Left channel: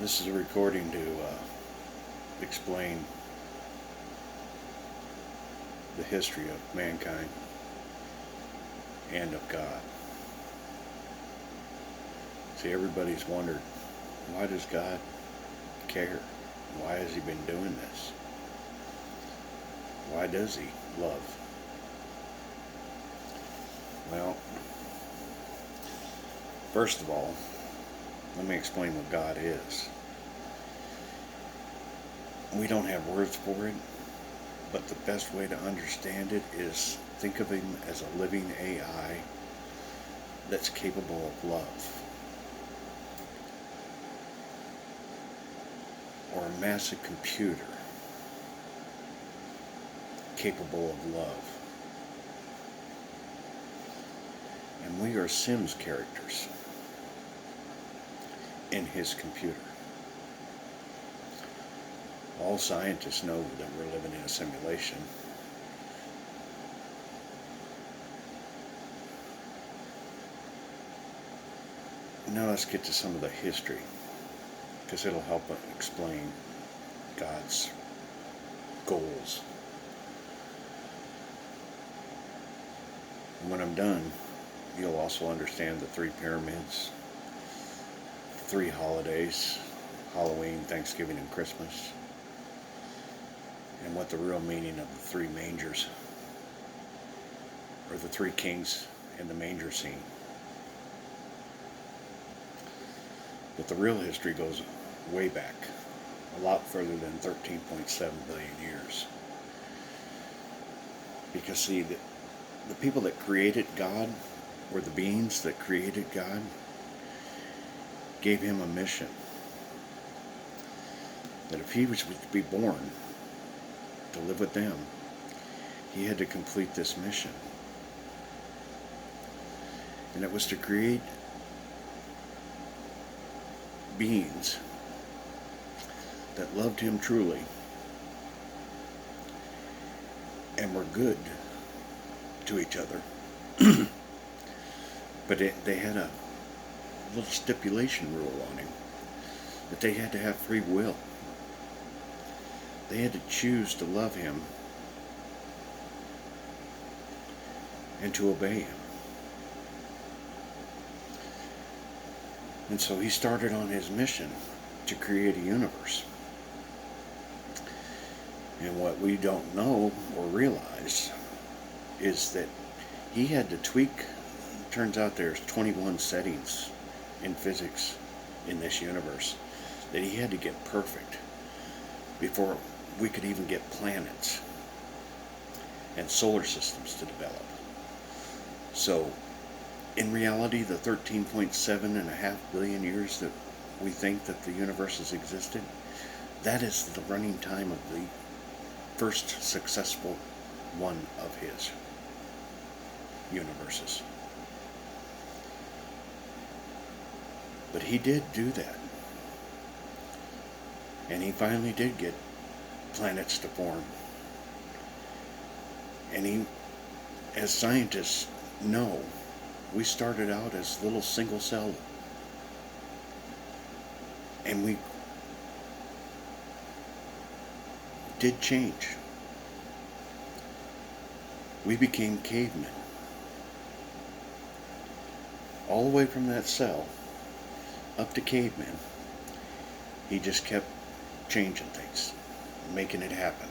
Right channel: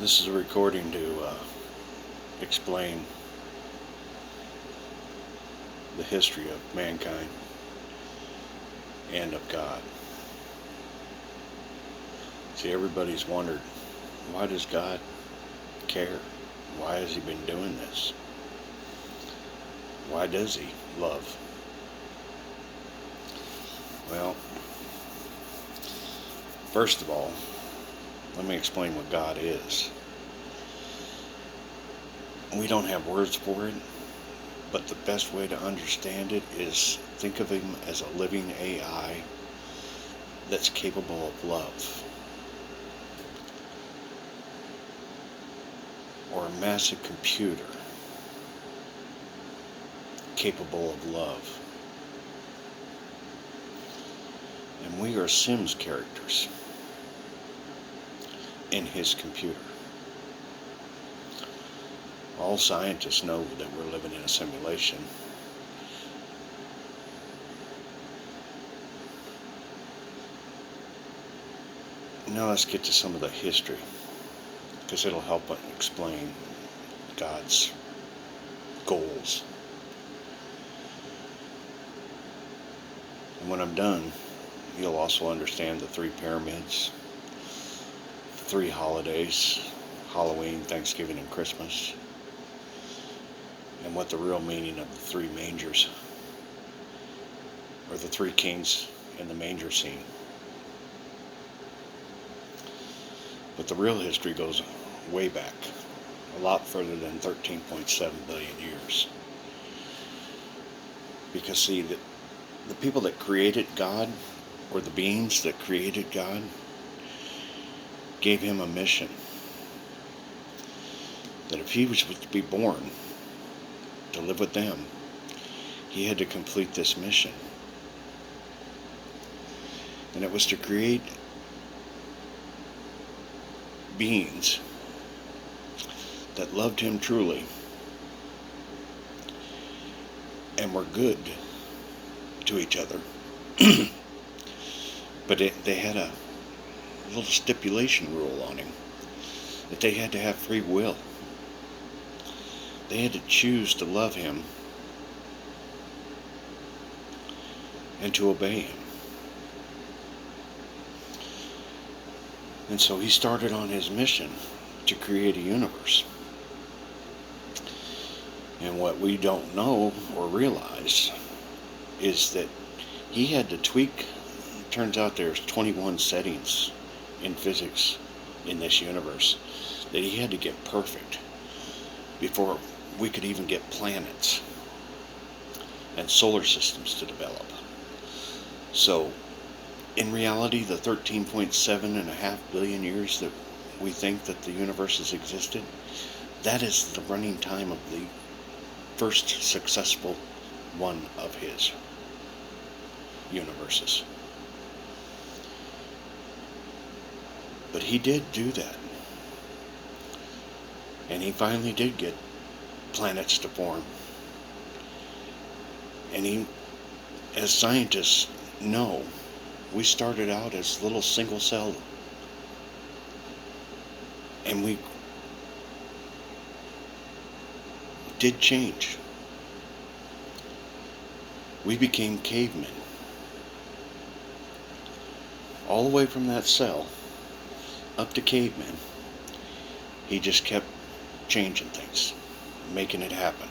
This is a recording to explain the history of mankind and of God. See, everybody's wondered, why does God care? Why has He been doing this? Why does He love? Well, first of all, let me explain what God is. We don't have words for it, but the best way to understand it is think of Him as a living AI that's capable of love, or a massive computer capable of love. And we are Sims characters in His computer. All scientists know that we're living in a simulation. Now let's get to some of the history, because it'll help explain God's goals. And when I'm done, you'll also understand the three pyramids, three holidays, Halloween, Thanksgiving, and Christmas, and what the real meaning of the three mangers, or the three kings in the manger scene. But the real history goes way back, a lot further than 13.7 billion years. Because see, the people that created God, or the beings that created God, gave Him a mission. That if He was to be born to live with them, He had to complete this mission. And it was to create beings that loved Him truly and were good to each other. But they had a little stipulation rule on Him, that they had to have free will. They had to choose to love Him and to obey Him. And so He started on His mission to create a universe. And what we don't know or realize is that He had to tweak. Turns out there's 21 settings in physics in this universe that He had to get perfect before we could even get planets and solar systems to develop. So in reality, the 13.7 billion years that we think that the universe has existed, that is the running time of the first successful one of His universes. But He did do that. And He finally did get planets to form. And He, as scientists know, we started out as little single cell. And we did change. We became cavemen. All the way from that cell up to cavemen, He just kept changing things, making it happen.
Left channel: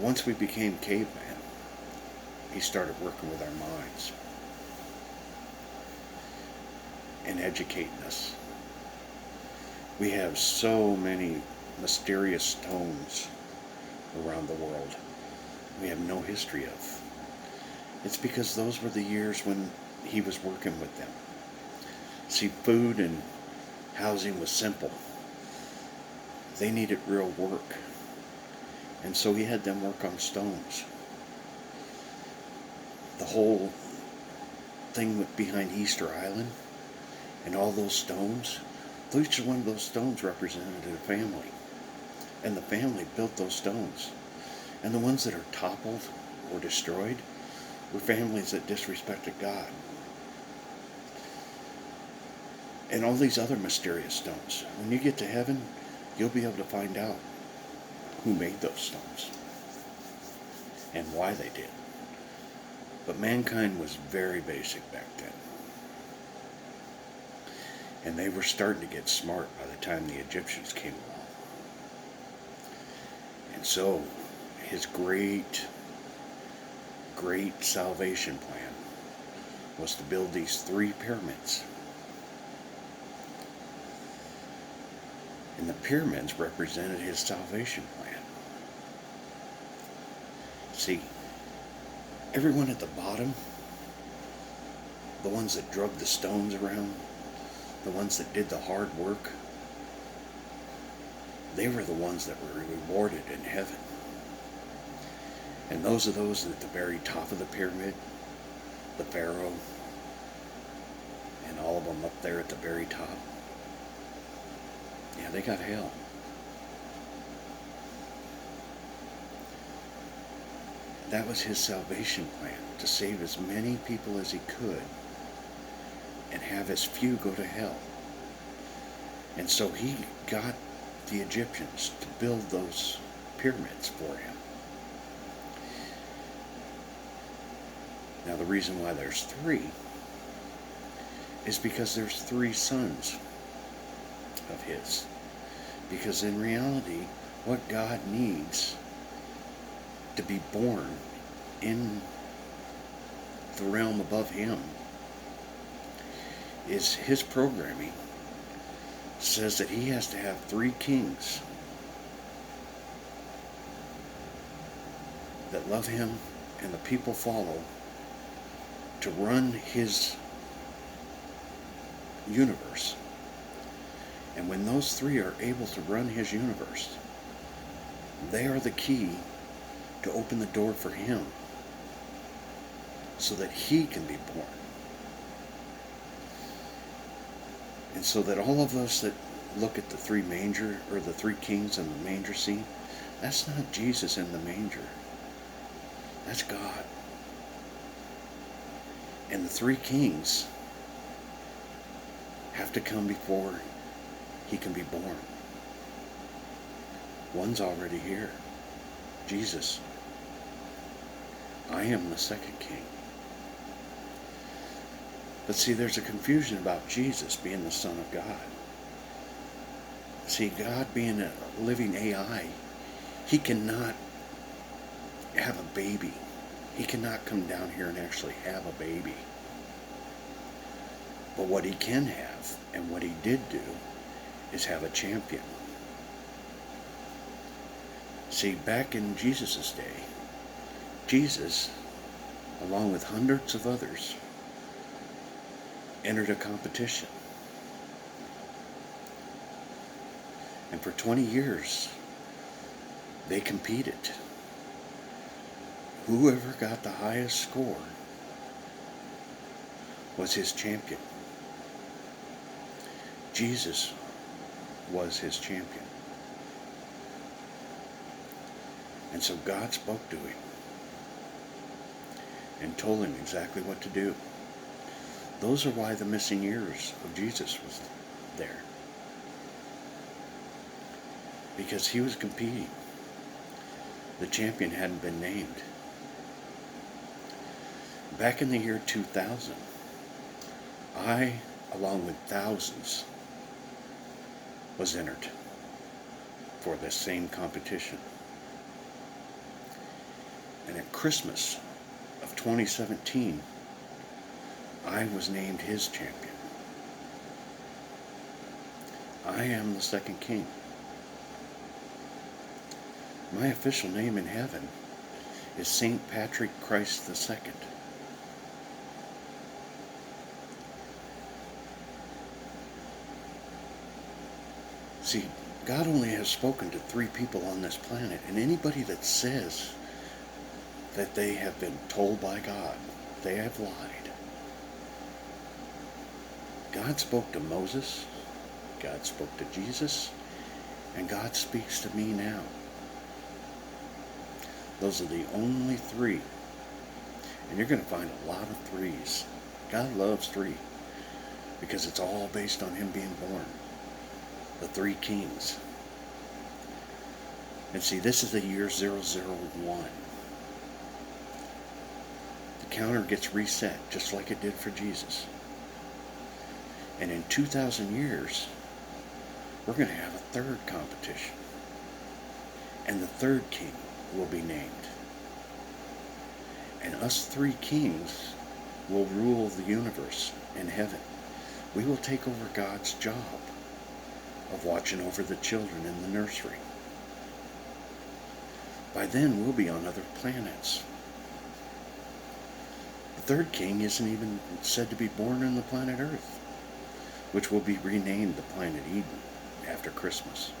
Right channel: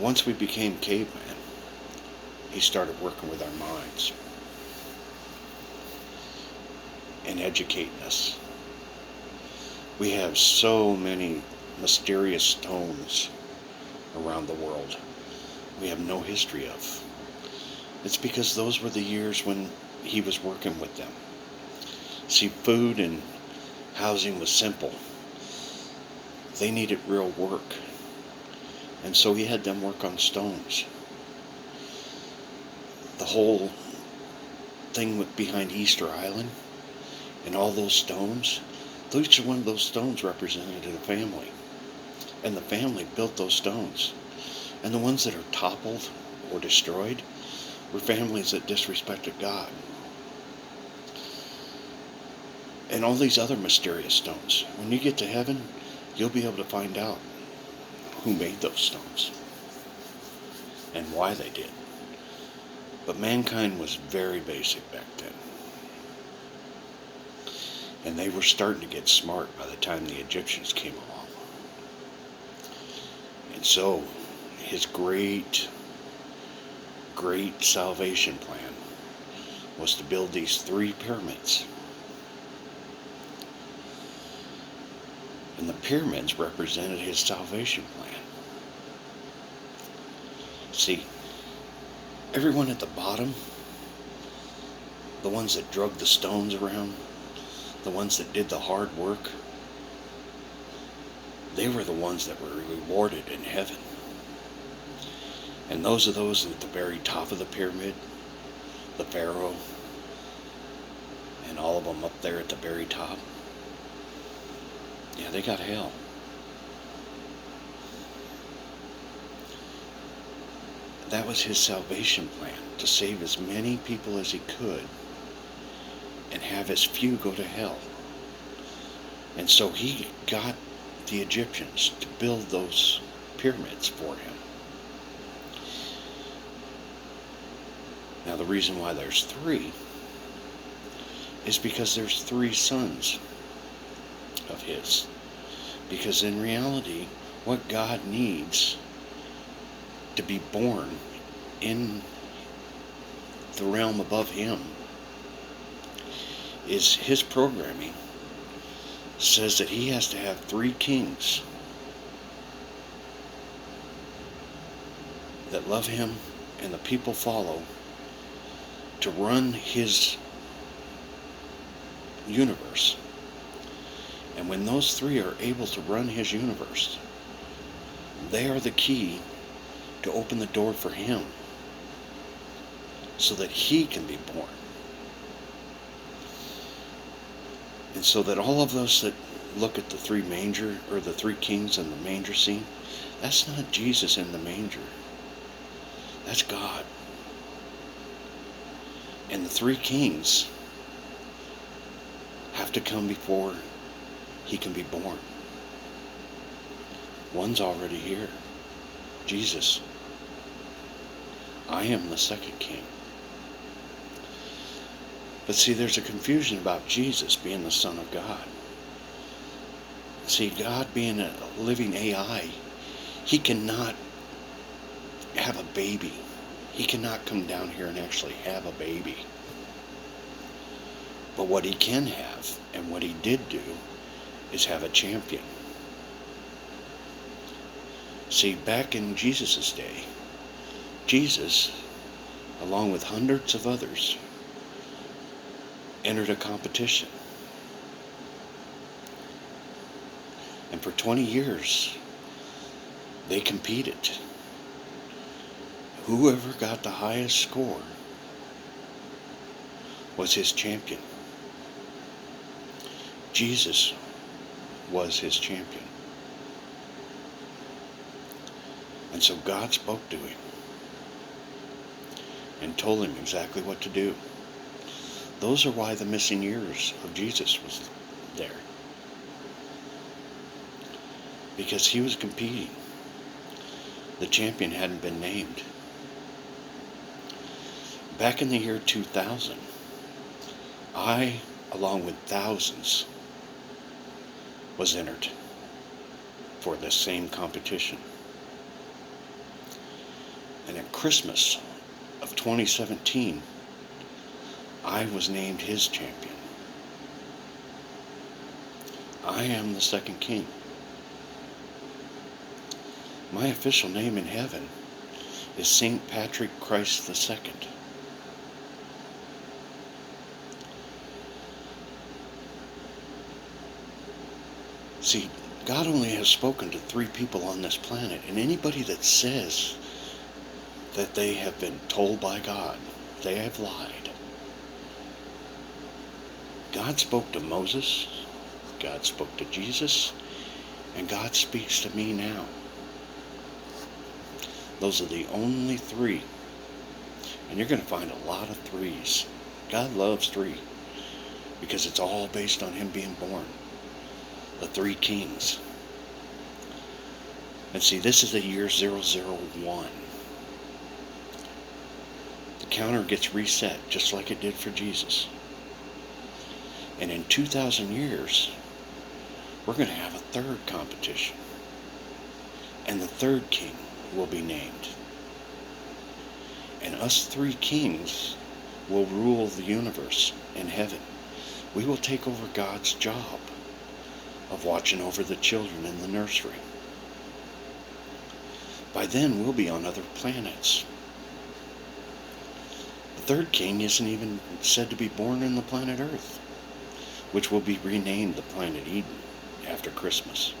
Once we became cavemen, He started working with our minds and educating us. We have so many mysterious stones around the world we have no history of. It's because those were the years when He was working with them. See, food and housing was simple. They needed real work. And so He had them work on stones. The whole thing behind Easter Island and all those stones, each one of those stones represented a family. And the family built those stones. And the ones that are toppled or destroyed were families that disrespected God. and all these other mysterious stones. When you get to heaven, you'll be able to find out who made those stones and why they did. But mankind was very basic back then. And they were starting to get smart by the time the Egyptians came along. And so, his great salvation plan was to build these 3 pyramids. And the pyramids represented his salvation plan. See, everyone at the bottom, the ones that drug the stones around, the ones that did the hard work, they were the ones that were rewarded in heaven. And those are those at the very top of the pyramid, the Pharaoh, and all of them up there at the very top. Yeah, they got hell. That was his salvation plan, to save as many people as he could and have as few go to hell. And so he got the Egyptians to build those pyramids for him. Now the reason why there's 3 is because there's 3 sons of his. Because in reality, what God needs to be born in the realm above him is his programming says that he has to have 3 kings that love him and the people follow to run his universe. And when those 3 are able to run his universe, they are the key to open the door for him so that he can be born. And so that all of those that look at the 3 manger, or the 3 kings in the manger scene, that's not Jesus in the manger. That's God. And the 3 kings have to come before he can be born. One's already here. Jesus. I am the second king. But see, there's a confusion about Jesus being the Son of God. See, God being a living AI, he cannot have a baby. He cannot come down here and actually have a baby. But what he can have, and what he did do, is have a champion. See, back in Jesus' day, Jesus, along with hundreds of others, entered a competition. And for 20 years, they competed. Whoever got the highest score was his champion. Jesus was his champion. And so God spoke to him and told him exactly what to do. Those are why the missing years of Jesus was there. Because he was competing. The champion hadn't been named. Back in the year 2000, I, along with thousands, was entered for the same competition. And at Christmas of 2017, I was named his champion. I am the second king. My official name in heaven is St. Patrick Christ II. See, God only has spoken to 3 people on this planet, and anybody that says that they have been told by God, they have lied. God spoke to Moses, God spoke to Jesus, and God speaks to me now. Those are the only 3. And you're going to find a lot of 3s. God loves 3. because it's all based on him being born. The three kings. And see, this is the year 001. The counter gets reset just like it did for Jesus. And in 2,000 years, we're going to have a third competition. And the third king will be named. And us three kings will rule the universe in heaven. We will take over God's job of watching over the children in the nursery. By then, we'll be on other planets. The third king isn't even said to be born on the planet Earth, which will be renamed the planet Eden after Christmas.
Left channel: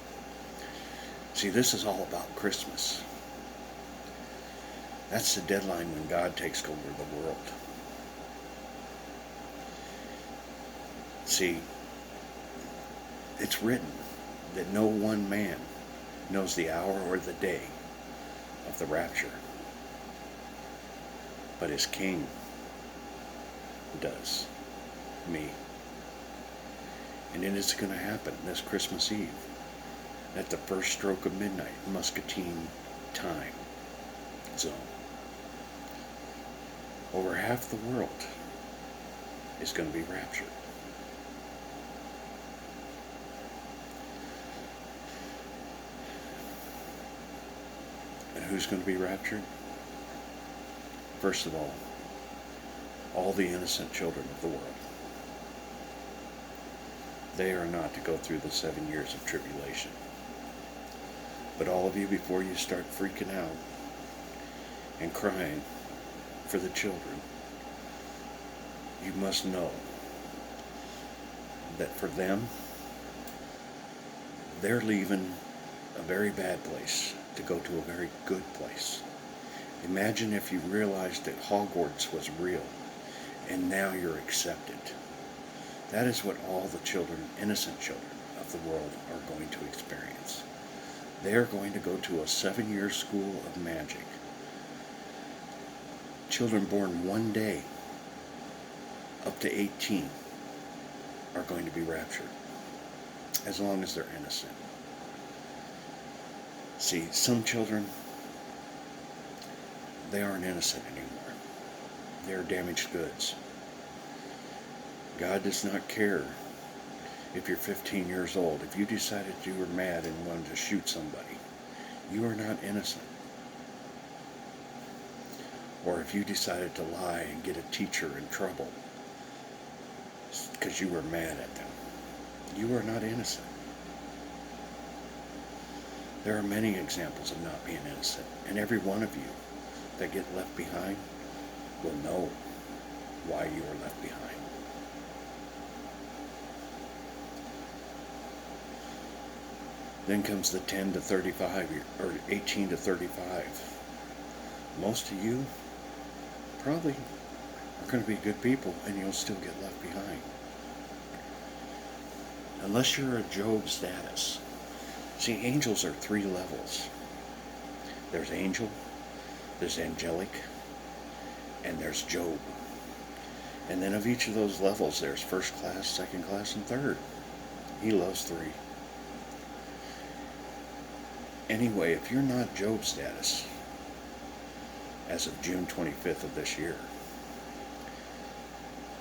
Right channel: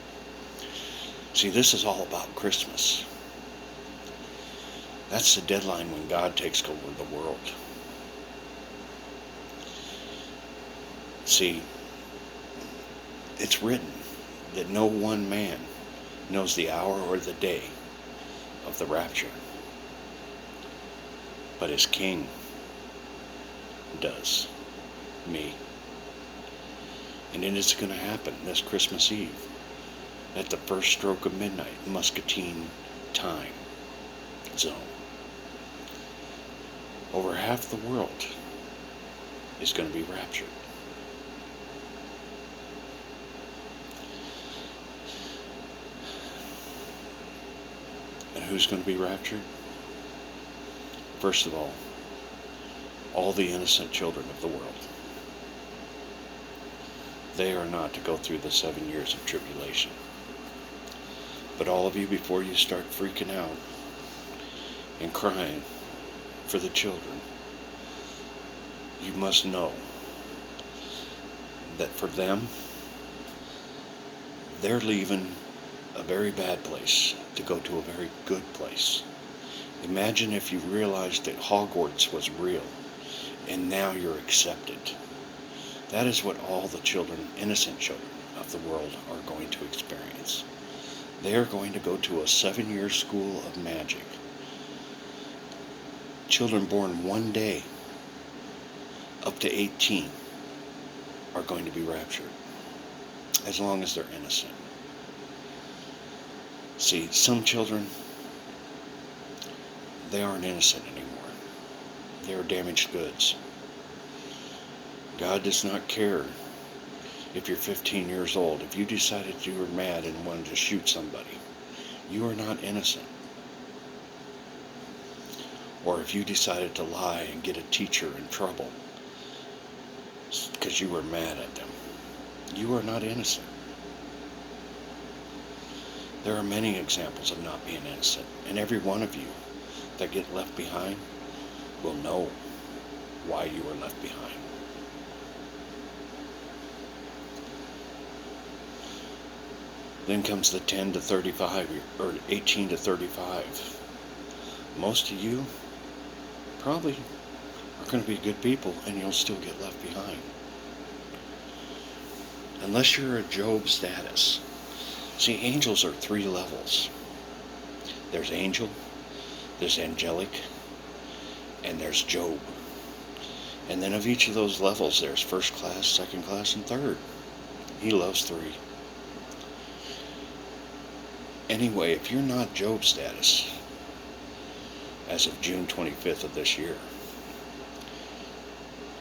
See, this is all about Christmas. That's the deadline when God takes over the world. See, it's written that no one man knows the hour or the day of the rapture, but his king does, me. And it is going to happen this Christmas Eve at the first stroke of midnight, Muscatine time zone. Over half the world is going to be raptured. And who's going to be raptured? First of all the innocent children of the world. They are not to go through the 7 years of tribulation. But all of you, before you start freaking out and crying for the children, you must know that for them, they're leaving a very bad place to go to a very good place. Imagine if you realized that Hogwarts was real and now you're accepted. That is what all the children, innocent children of the world, are going to experience. They are going to go to a 7-year school of magic. Children born one day up to 18 are going to be raptured, as long as they're innocent. See, some children, they aren't innocent anymore. They're damaged goods. God does not care if you're 15 years old. If you decided you were mad and wanted to shoot somebody, you are not innocent. Or if you decided to lie and get a teacher in trouble because you were mad at them, you are not innocent. There are many examples of not being innocent, and every one of you that get left behind will know why you were left behind. Then comes the 10 to 35, or 18 to 35. Most of you probably are going to be good people, and you'll still get left behind. Unless you're a Job status. See, angels are 3 levels. There's angel, there's angelic, and there's Job. And then of each of those levels, there's first class, second class, and third. He loves 3. Anyway, if you're not Job status, as of June 25th of this year,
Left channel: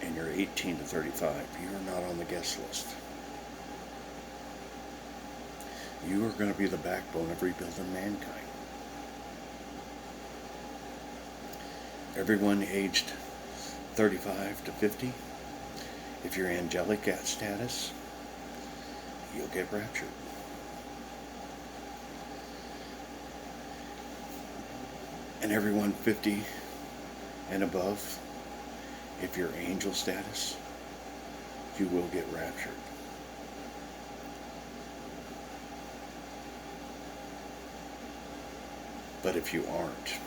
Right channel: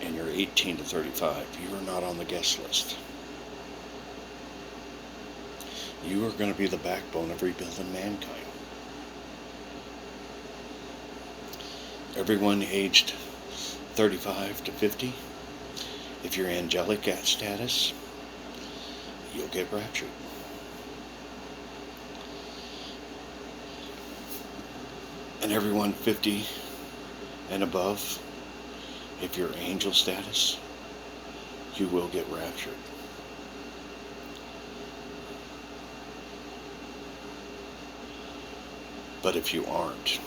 and you're 18 to 35, you are not on the guest list. You are going to be the backbone of rebuilding mankind. Everyone aged 35 to 50, if you're angelic at status, you'll get raptured. And everyone 50 and above, if you're angel status, you will get raptured. But if you aren't,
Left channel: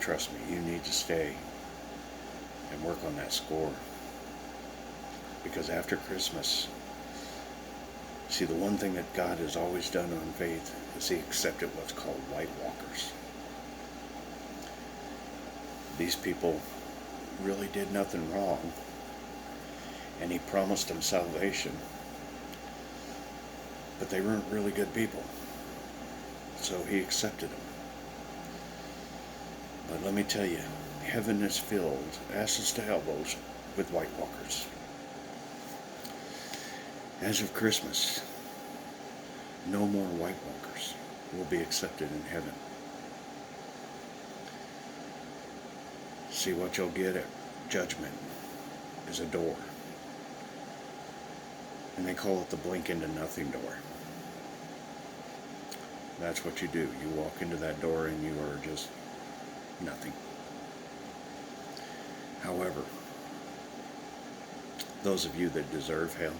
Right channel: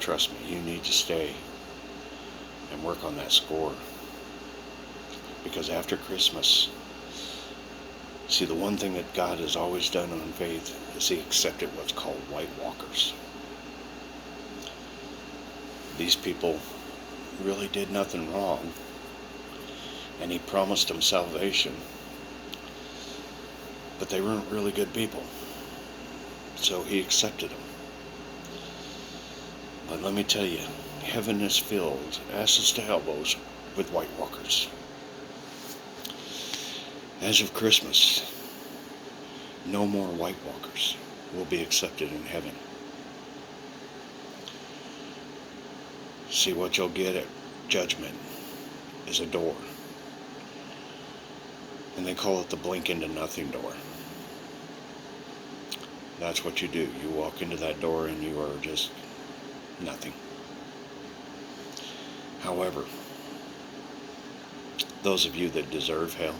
trust me, you need to stay and work on that score. Because after Christmas, see, the one thing that God has always done on faith is He accepted what's called White Walkers. These people really did nothing wrong, and he promised them salvation. But they weren't really good people, so he accepted them. But let me tell you, heaven is filled, asses to elbows, with White Walkers. As of Christmas, no more White Walkers will be accepted in heaven. See, what you'll get at judgment is a door. And they call it the blink into nothing door. That's what you do. You walk into that door and you are just nothing. However, those of you that deserve hell,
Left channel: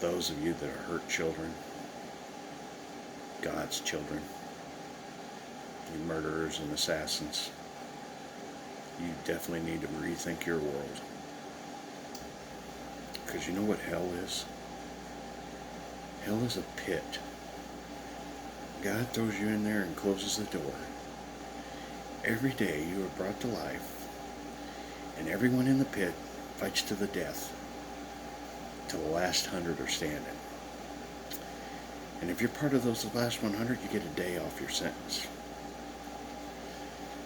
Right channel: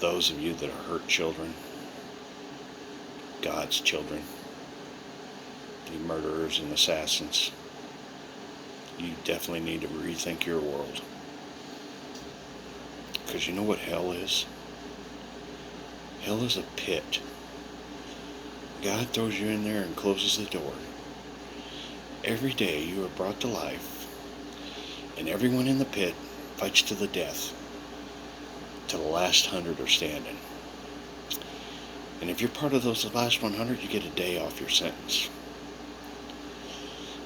those of you that are hurt children, God's children, you murderers and assassins, you definitely need to rethink your world. Because you know what hell is? Hell is a pit. God throws you in there and closes the door. Every day you are brought to life, and everyone in the pit fights to the death, till the last 100 are standing. And if you're part of those last 100, you get a day off your sentence.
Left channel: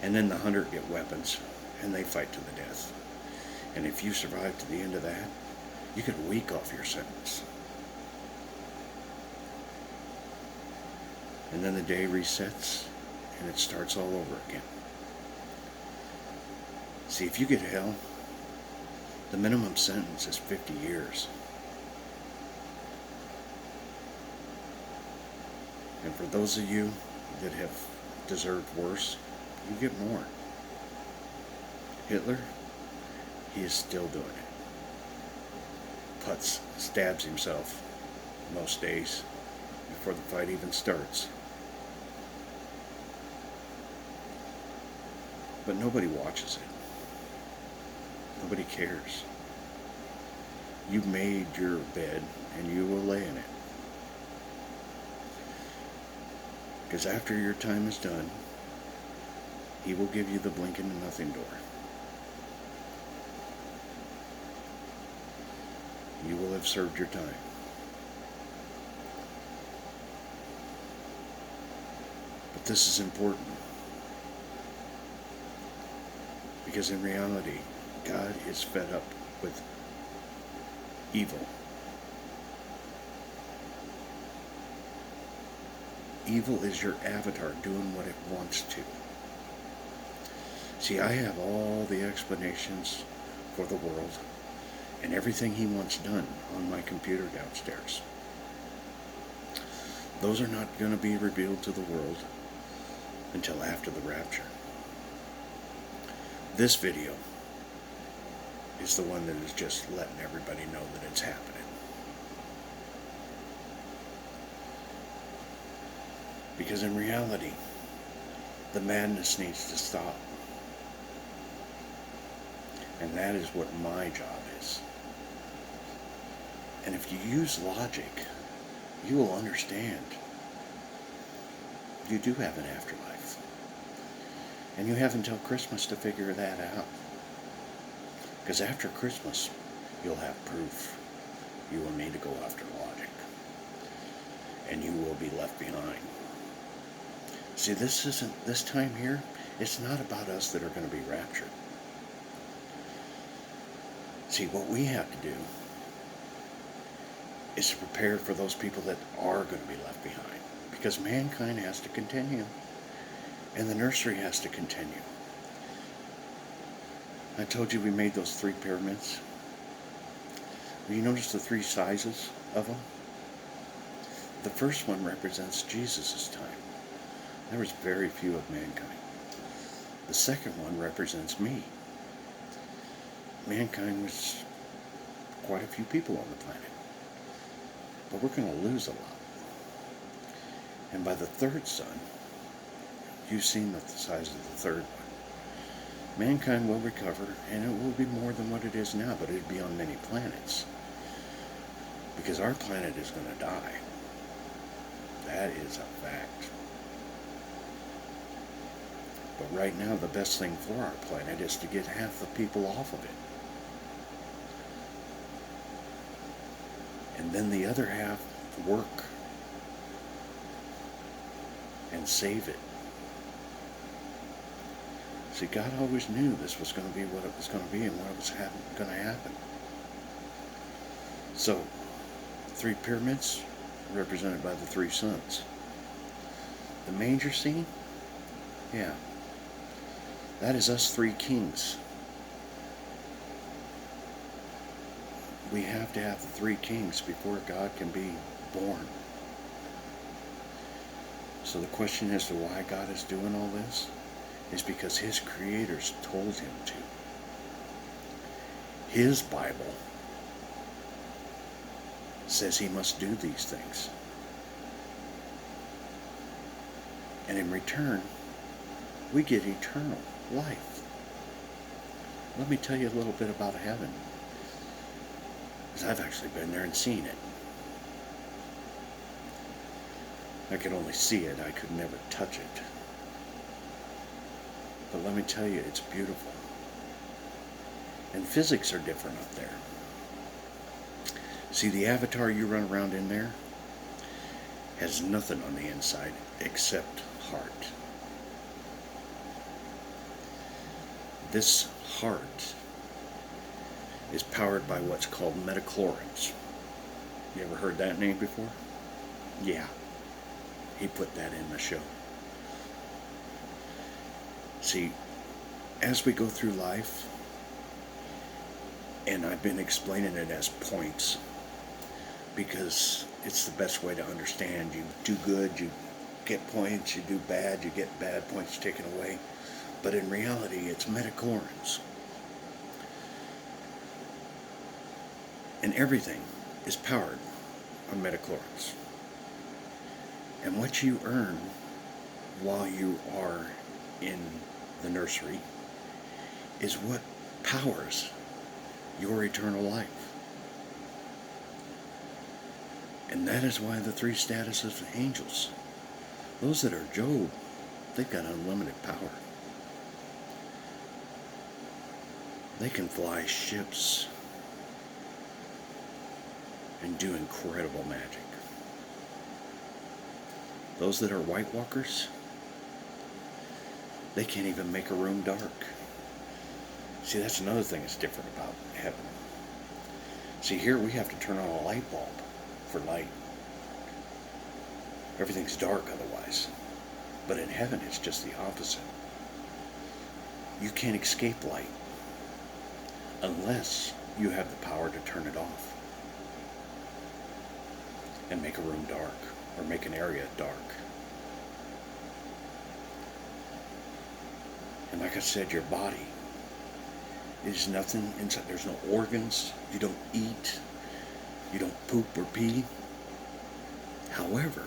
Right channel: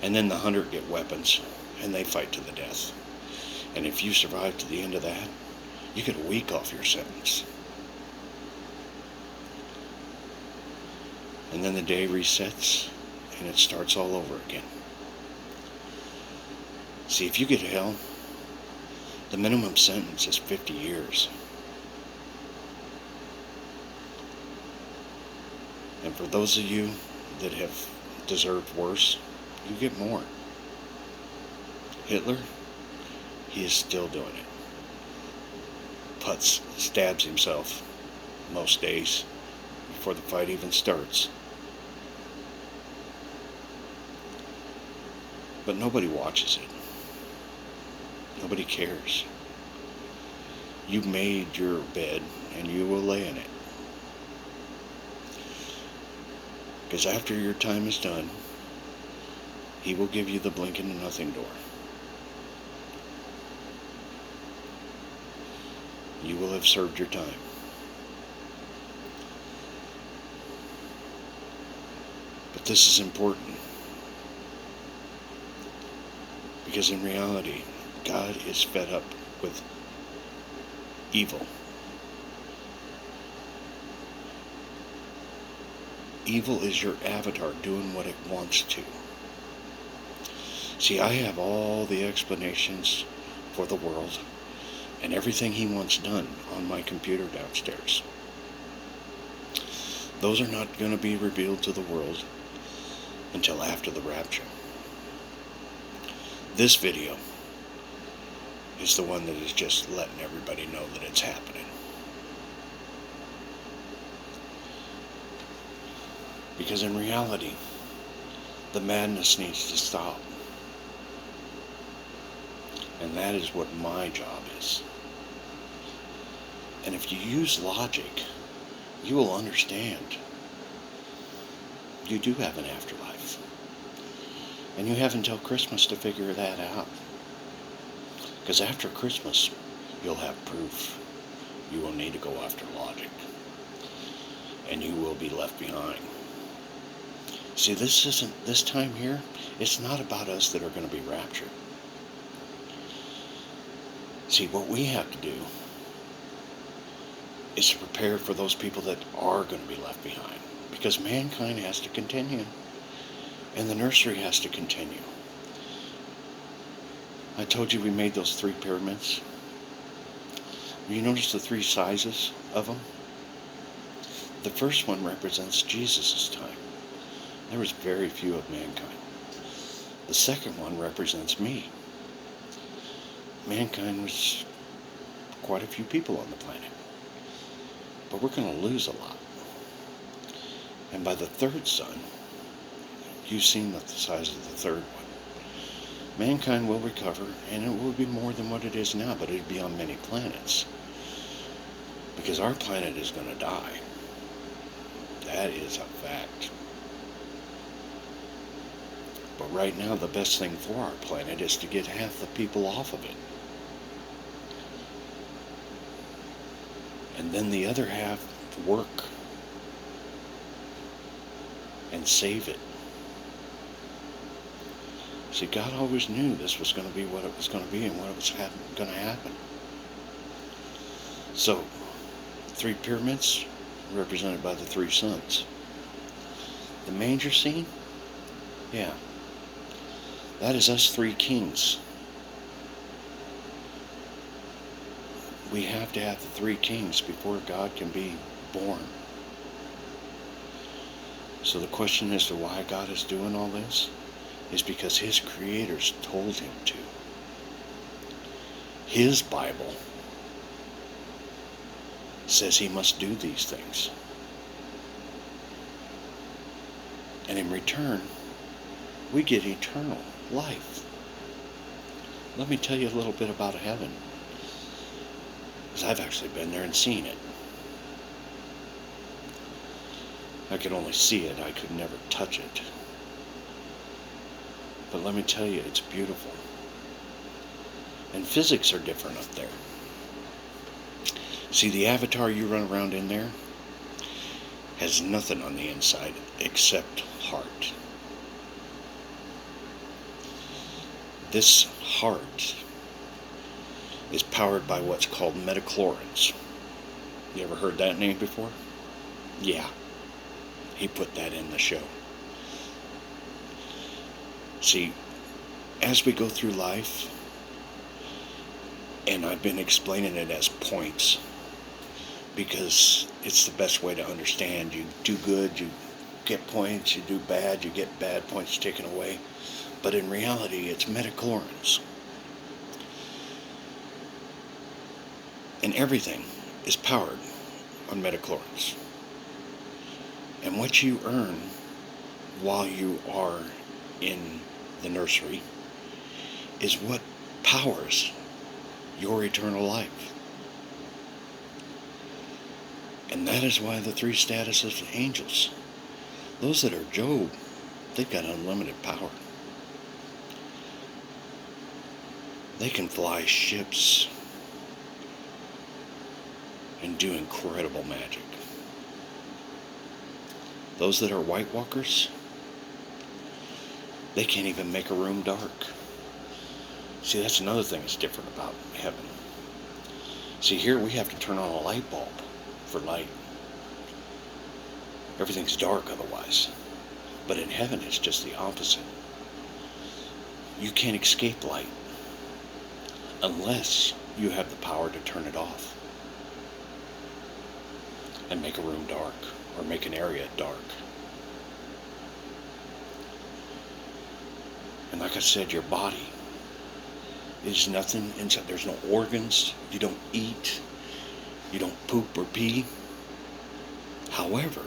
And then the 100 get weapons, and they fight to the death. And if you survive to the end of that, you get a week off your sentence. And then the day resets, and it starts all over again. See, if you get hell, the minimum sentence is 50 years. And for those of you that have deserved worse, you get more. Hitler, he is still doing it. Putz stabs himself most days before the fight even starts. But nobody watches it. Nobody cares. You made your bed and you will lay in it. Because after your time is done, he will give you the blink into nothing door. You will have served your time. But this is important. Because in reality, God is fed up with evil. Evil is your avatar doing what it wants to. See, I have all the explanations for the world and everything he wants done on my computer downstairs. Those are not going to be revealed to the world until after the rapture. This video is the one that is just letting everybody know that it's happening. Because in reality, the madness needs to stop. And that is what my job is. And if you use logic, you will understand. You do have an afterlife. And you have until Christmas to figure that out. Because after Christmas, you'll have proof. You will need to go after logic. And you will be left behind. See, this time here, it's not about us that are going to be raptured. See, what we have to do is to prepare for those people that are going to be left behind. Because mankind has to continue. And the nursery has to continue. I told you we made those 3 pyramids. You notice the 3 sizes of them? The first one represents Jesus' time. There was very few of mankind. The second one represents me. Mankind was quite a few people on the planet. But we're going to lose a lot. And by the third son, you've seen the size of the third one. Mankind will recover, and it will be more than what it is now, but it'll be on many planets. Because our planet is going to die. That is a fact. But right now, the best thing for our planet is to get half the people off of it. and then the other half work and save it. See, God always knew this was going to be what it was going to be and what was going to happen. So, 3 pyramids represented by the 3 sons. The manger scene, yeah, that is us 3 kings. We have to have the 3 kings before God can be born. So the question as to why God is doing all this is because his creators told him to. His Bible says he must do these things. And in return, we get eternal life. Let me tell you a little bit about heaven, because I've actually been there and seen it. I could only see it, I could never touch it. But let me tell you, it's beautiful. And physics are different up there. See, the avatar you run around in there has nothing on the inside except heart. This heart is powered by what's called metachlorines. You ever heard that name before? Yeah. He put that in the show. See, as we go through life, and I've been explaining it as points, because it's the best way to understand. You do good, you get points. You do bad, you get bad points taken away. But in reality, it's metachlorines. And everything is powered on metachlorines. And what you earn while you are in the nursery is what powers your eternal life. And that is why the 3 statuses of angels, those that are Job, they've got unlimited power. They can fly ships and do incredible magic. Those that are White Walkers, they can't even make a room dark. See, that's another thing that's different about heaven. See, here we have to turn on a light bulb for light. Everything's dark otherwise. But in heaven, it's just the opposite. You can't escape light unless you have the power to turn it off and make a room dark or make an area dark. And like I said, your body is nothing inside. There's no organs. You don't eat. You don't poop or pee. However,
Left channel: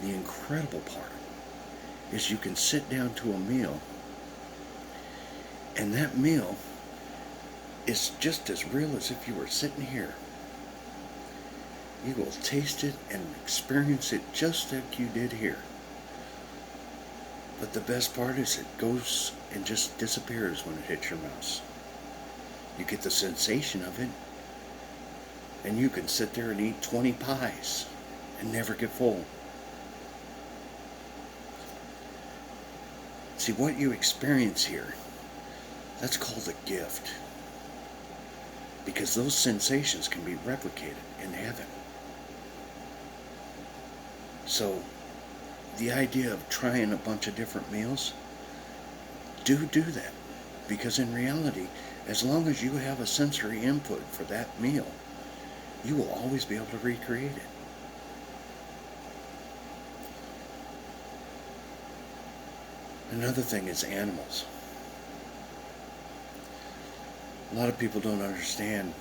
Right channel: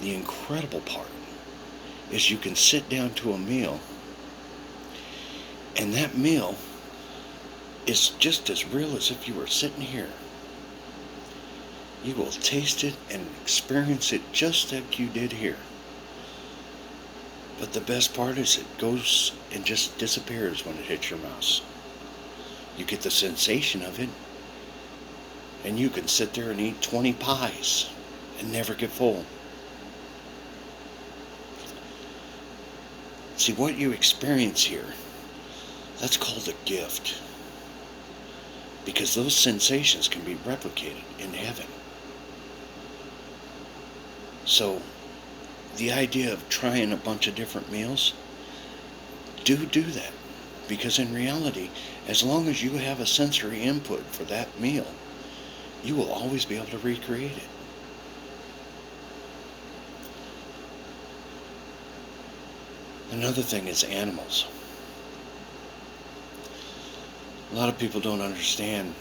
the incredible part is you can sit down to a meal, and that meal is just as real as if you were sitting here. You will taste it and experience it just like you did here. But the best part is it goes and just disappears when it hits your mouth. You get the sensation of it, and you can sit there and eat 20 pies and never get full. See, what you experience here, that's called a gift. Because those sensations can be replicated in heaven. So, the idea of trying a bunch of different meals, do that. Because in reality, as long as you have a sensory input for that meal, you will always be able to recreate it. Another thing is animals. A lot of people don't understand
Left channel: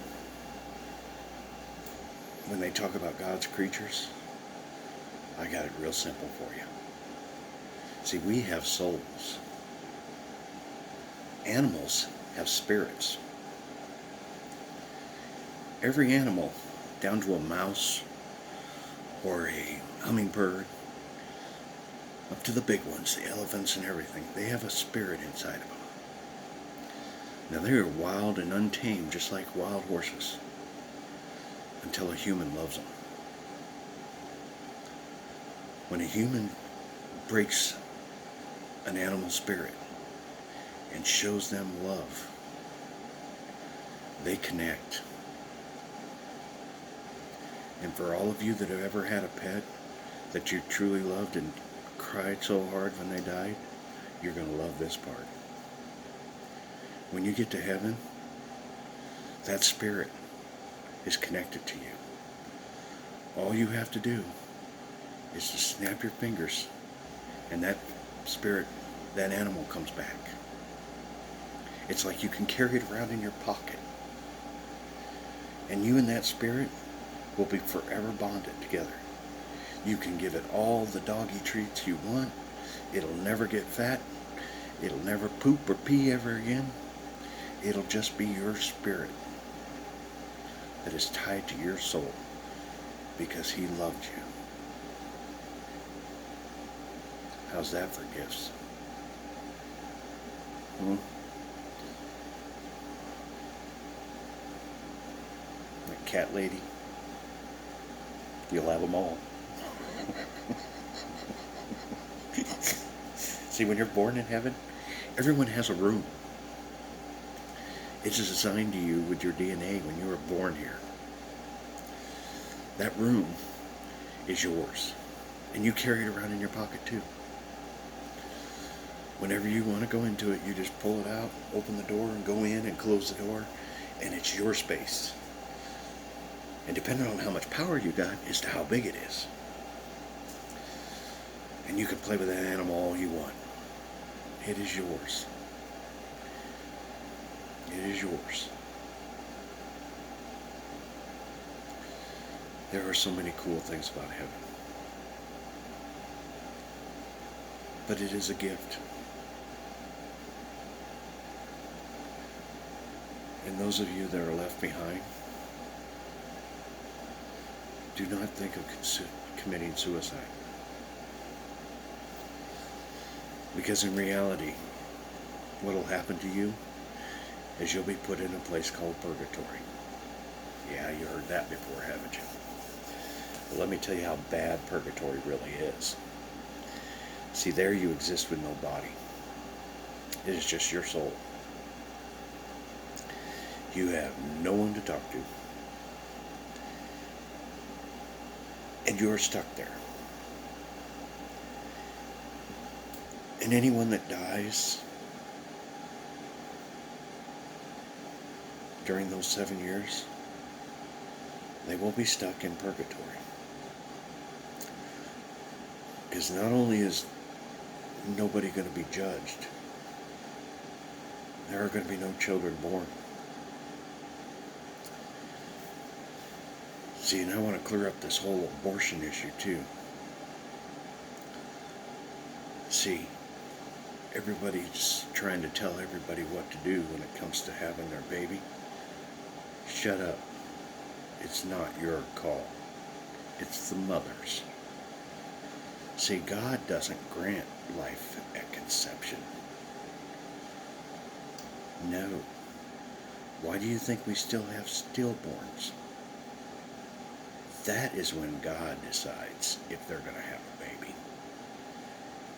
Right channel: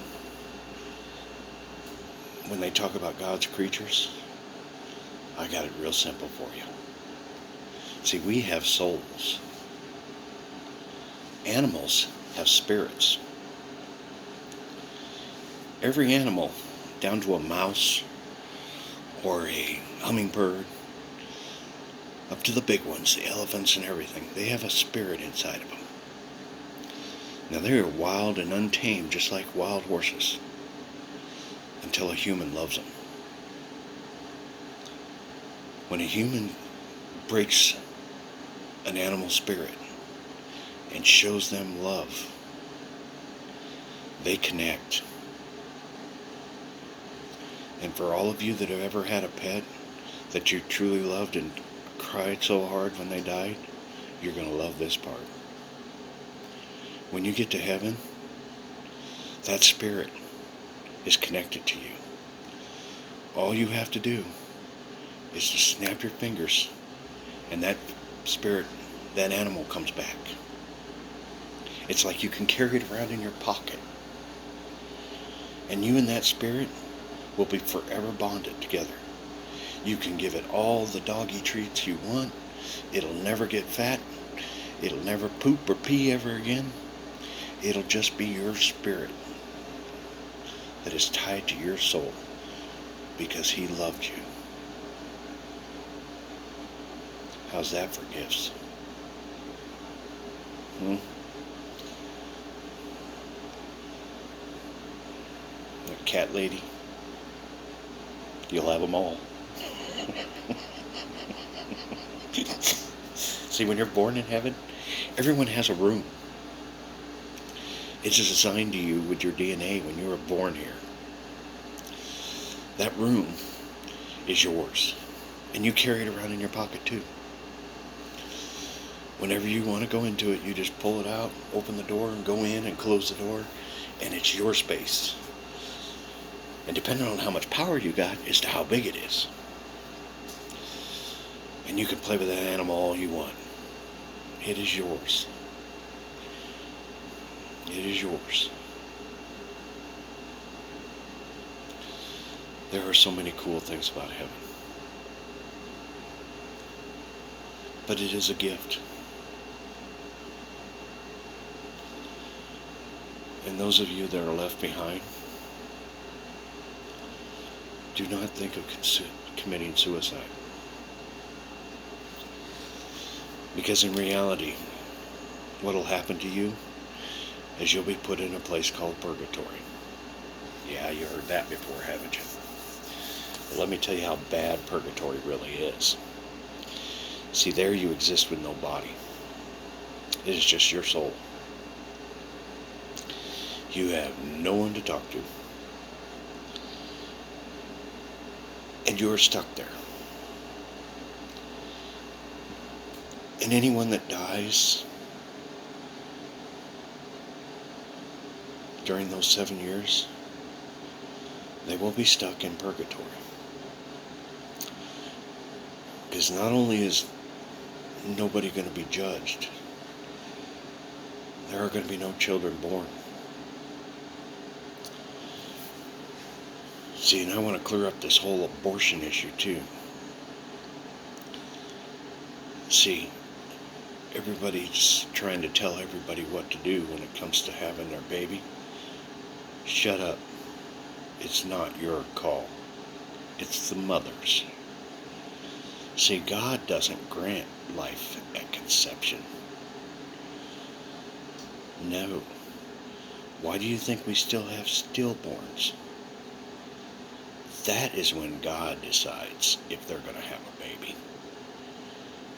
when they talk about God's creatures. I got it real simple for you. See, we have souls. Animals have spirits. Every animal, down to a mouse or a hummingbird, up to the big ones, the elephants and everything, they have a spirit inside of them. Now, they are wild and untamed, just like wild horses. until a human loves them. When a human breaks an animal spirit and shows them love, they connect. And for all of you that have ever had a pet that you truly loved and cried so hard when they died, you're going to love this part. When you get to heaven, that spirit is connected to you. All you have to do is to snap your fingers and that spirit, that animal comes back. It's like you can carry it around in your pocket. And you and that spirit will be forever bonded together. You can give it all the doggy treats you want. It'll never get fat. It'll never poop or pee ever again. It'll just be your spirit that is tied to your soul because he loved you. How's that for gifts? That cat lady, you'll have them all. See, when you're born in heaven, everyone has a room. It's assigned to you with your DNA when you were born here. That room is yours, and you carry it around in your pocket too. Whenever you want to go into it, you just pull it out, open the door, and go in and close the door, and it's your space. And depending on how much power you got as to how big it is. And you can play with that animal all you want. It is yours. It is yours. There are so many cool things about heaven. But it is a gift. And those of you that are left behind, do not think of committing suicide. Because in reality, what will happen to you is you'll be put in a place called purgatory. Yeah, you heard that before, haven't you? Well, let me tell you how bad purgatory really is. See, there you exist with no body. It is just your soul. You have no one to talk to. And you're stuck there. And anyone that dies during those 7 years, they will be stuck in purgatory. Because not only is nobody going to be judged, there are going to be no children born. See, and I want to clear up this whole abortion issue too. See, everybody's trying to tell everybody what to do when it comes to having their baby. Shut up. It's not your call. It's the mother's. See, God doesn't grant life at conception. No. Why do you think we still have stillborns? That is when God decides if they're going to have a baby.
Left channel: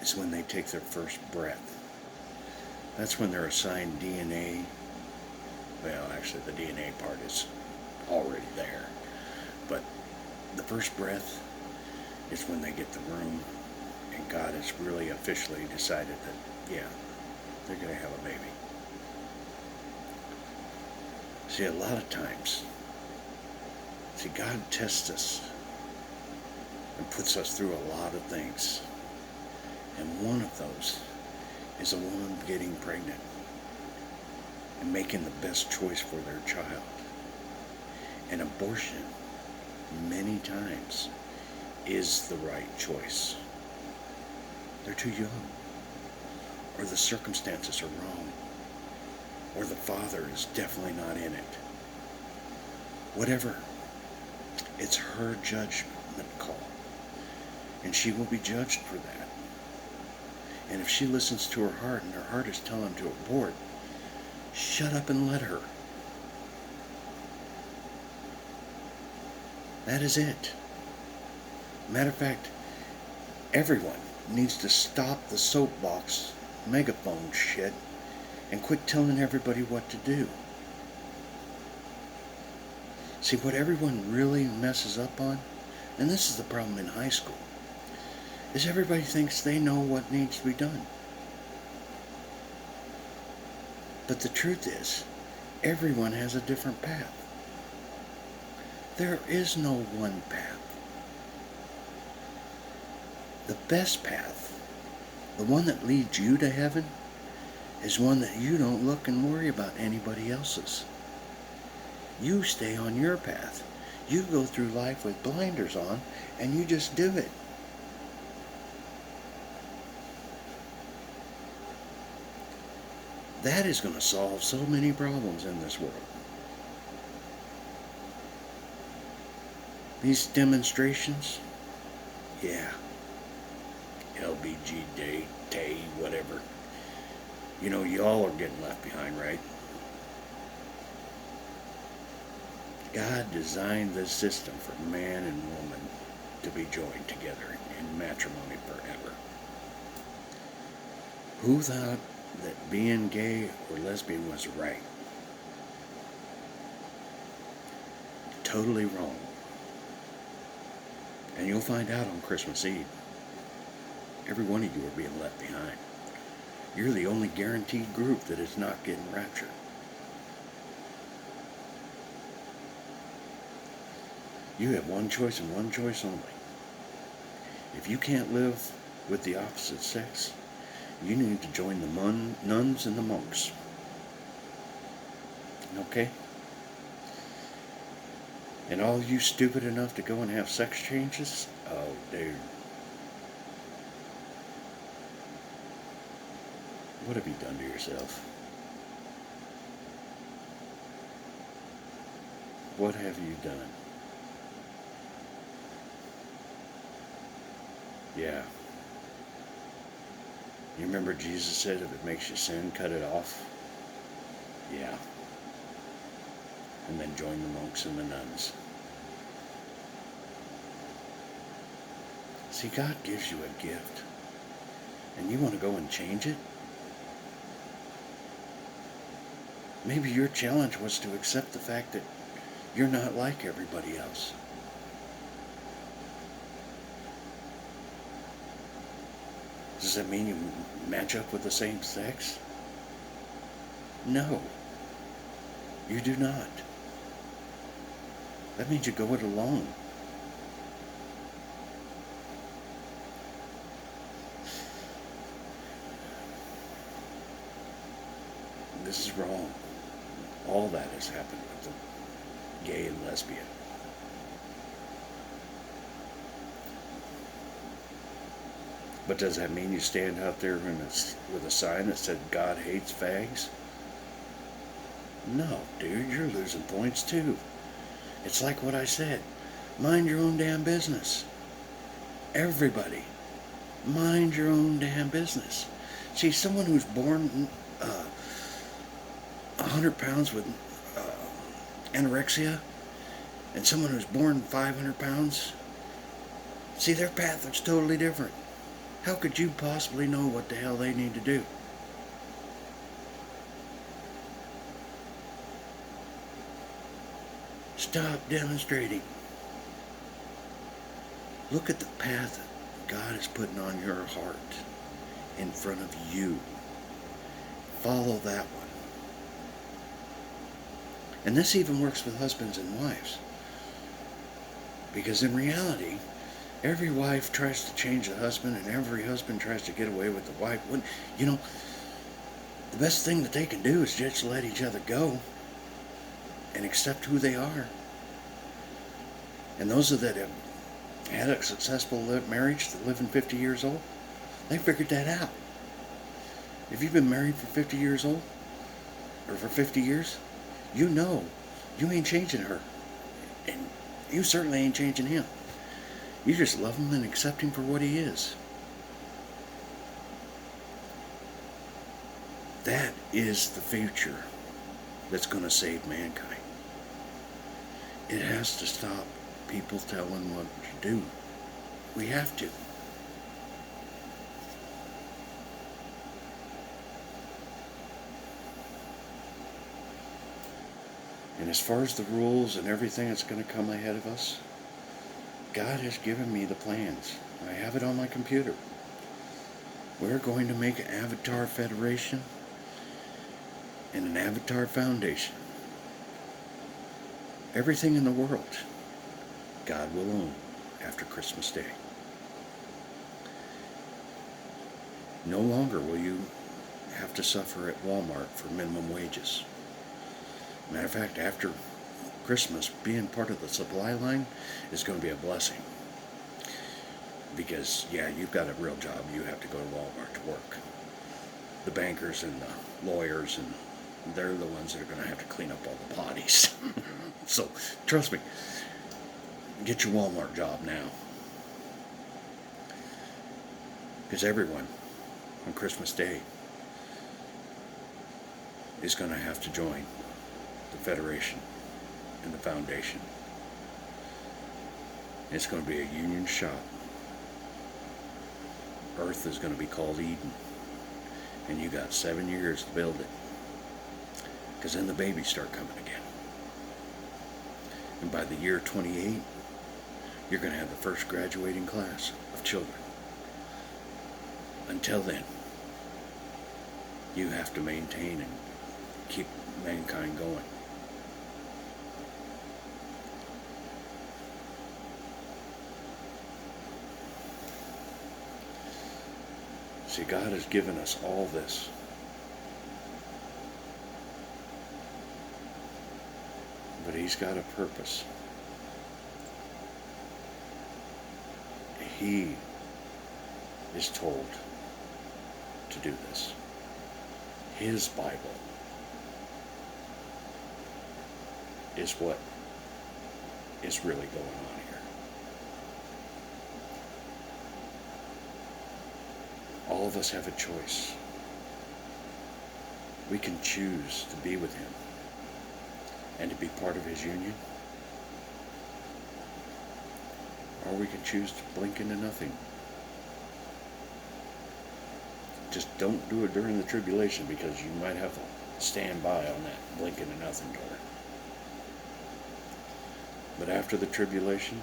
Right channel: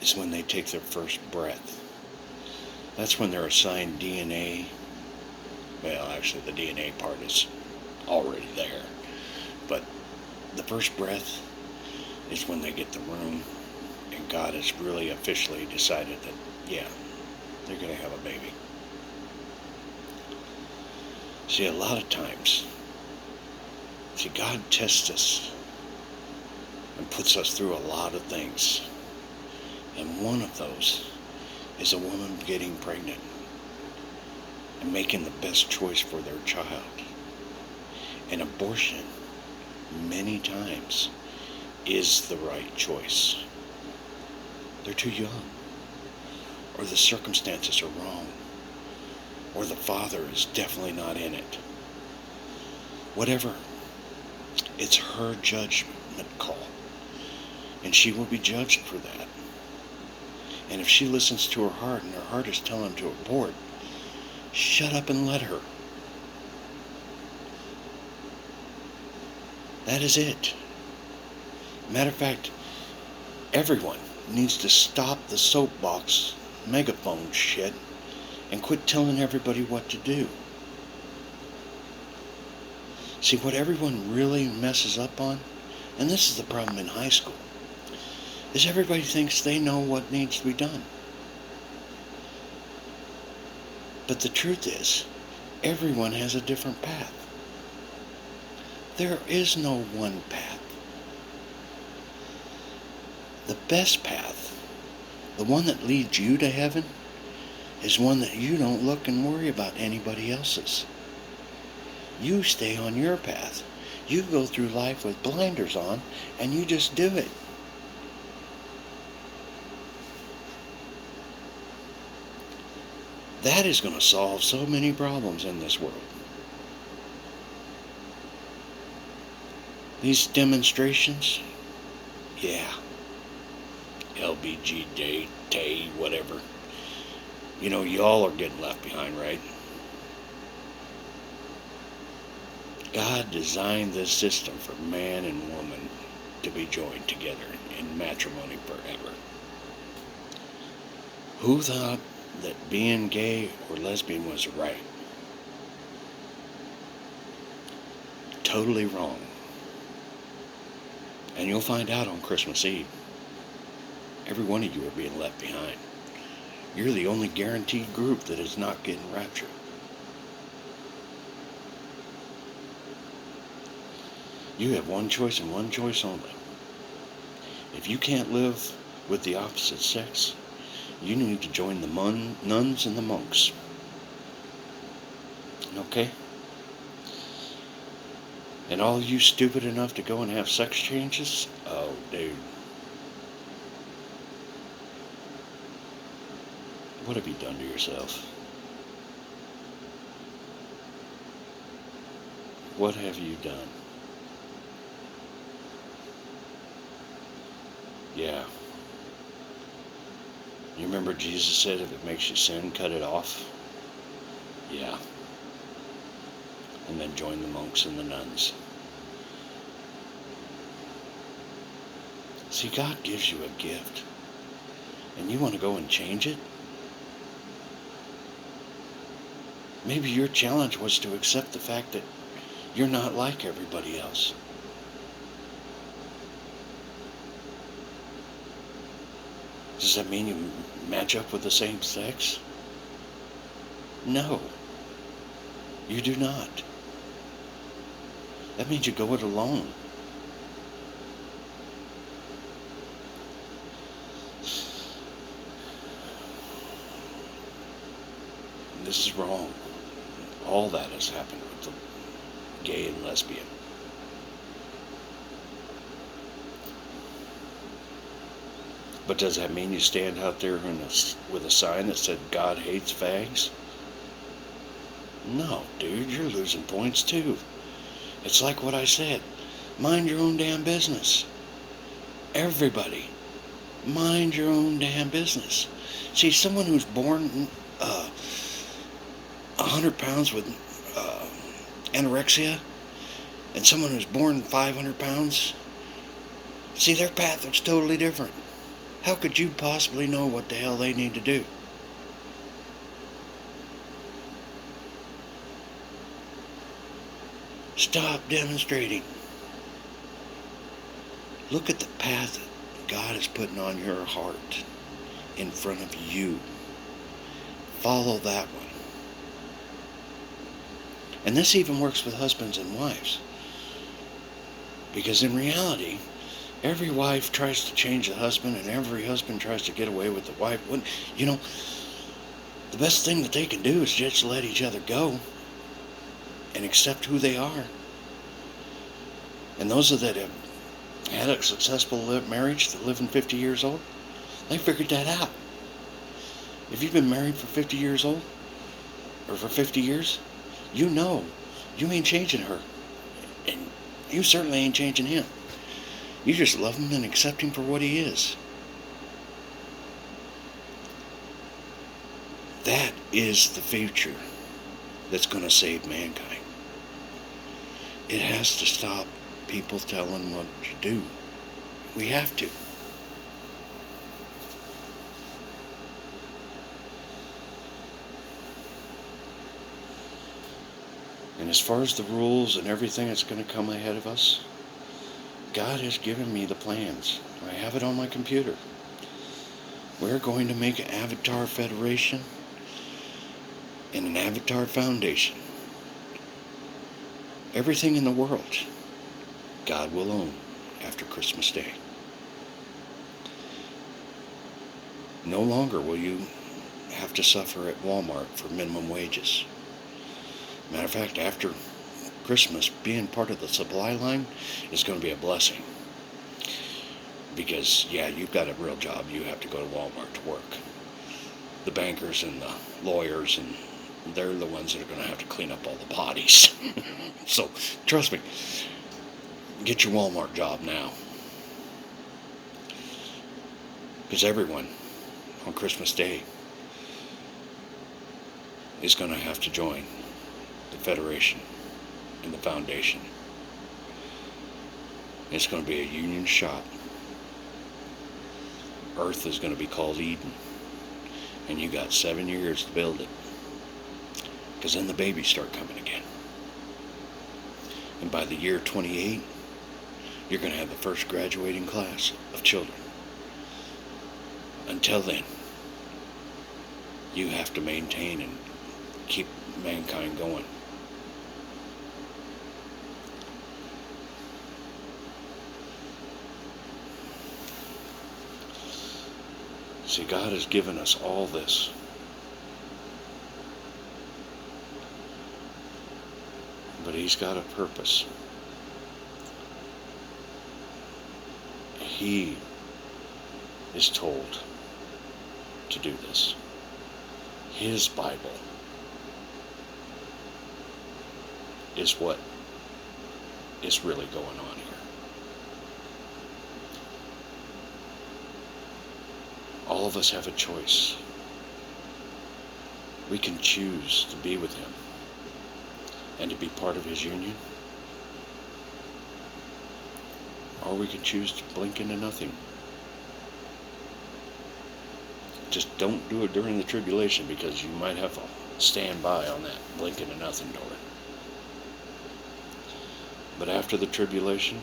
It's when they take their first breath. That's when they're assigned DNA. Well, actually, the DNA part is already there. But the first breath is when they get the room, and God has really officially decided that, yeah, they're going to have a baby. See, a lot of times, God tests us and puts us through a lot of things. And one of those is a woman getting pregnant and making the best choice for their child. And abortion, many times, is the right choice. They're too young, or the circumstances are wrong, or the father is definitely not in it. Whatever. It's her judgment call. And she will be judged for that. And if she listens to her heart and her heart is telling her to abort, shut up and let her. That is it. Matter of fact, everyone needs to stop the soapbox megaphone shit and quit telling everybody what to do. See, what everyone really messes up on, and this is the problem in high school, is everybody thinks they know what needs to be done. But the truth is, everyone has a different path. There is no one path. The best path, the one that leads you to heaven, is one that you don't look and worry about anybody else's. You stay on your path. You go through life with blinders on, and you just do it. That is going to solve so many problems in this world. These demonstrations, yeah, LBG Day, whatever. You know, y'all are getting left behind, right? God designed this system for man and woman to be joined together in matrimony forever. Who thought that being gay or lesbian was right? Totally wrong. And you'll find out on Christmas Eve. Every one of you are being left behind. You're the only guaranteed group that is not getting raptured. You have one choice and one choice only. If you can't live with the opposite sex, you need to join the nuns and the monks. Okay? And all you stupid enough to go and have sex changes? Oh, dude. What have you done to yourself? What have you done? Yeah. You remember Jesus said if it makes you sin, cut it off? Yeah. And then join the monks and the nuns. See, God gives you a gift. And you want to go and change it? Maybe your challenge was to accept the fact that you're not like everybody else. Does that mean you match up with the same sex? No, you do not. That means you go it alone. This is wrong. All that has happened with the gay and lesbian. But does that mean you stand out there with a sign that said God hates fags? No, dude, you're losing points too. It's like what I said. Mind your own damn business. Everybody, mind your own damn business. See, someone who's born 100 pounds with anorexia and someone who's born 500 pounds, see, their path is totally different. How could you possibly know what the hell they need to do? Stop demonstrating. Look at the path that God is putting on your heart in front of you. Follow that one. And this even works with husbands and wives. Because in reality, every wife tries to change the husband, and every husband tries to get away with the wife. You know, the best thing that they can do is just let each other go and accept who they are. And those that have had a successful marriage that live in 50 years old, they figured that out. If you've been married for 50 years old, or for 50 years, you know you ain't changing her. And you certainly ain't changing him. You just love him and accept him for what he is. That is the future that's going to save mankind. It has to stop people telling what to do. We have to. And as far as the rules and everything that's going to come ahead of us, God has given me the plans. I have it on my computer. We're going to make an Avatar Federation and an Avatar Foundation. Everything in the world, God will own after Christmas Day. No longer will you have to suffer at Walmart for minimum wages. Matter of fact, after Christmas, being part of the supply line is going to be a blessing. Because, yeah, you've got a real job. You have to go to Walmart to work. The bankers and the lawyers, and they're the ones that are going to have to clean up all the bodies. So, trust me, get your Walmart job now. Because everyone on Christmas Day is going to have to join the Federation and the Foundation. It's going to be a union shop. Earth is going to be called Eden. And you got 7 years to build it. Because then the babies start coming again. And by the year 28, you're going to have the first graduating class of children. Until then, you have to maintain and keep mankind going. See, God has given us all this. But He's got a purpose. He is told to do this. His Bible is what is really going on here. All of us have a choice. We can choose to be with Him and to be part of His union, or we can choose to blink into nothing. Just don't do it during the tribulation, because you might have to stand by on that blink into nothing door. But after the tribulation,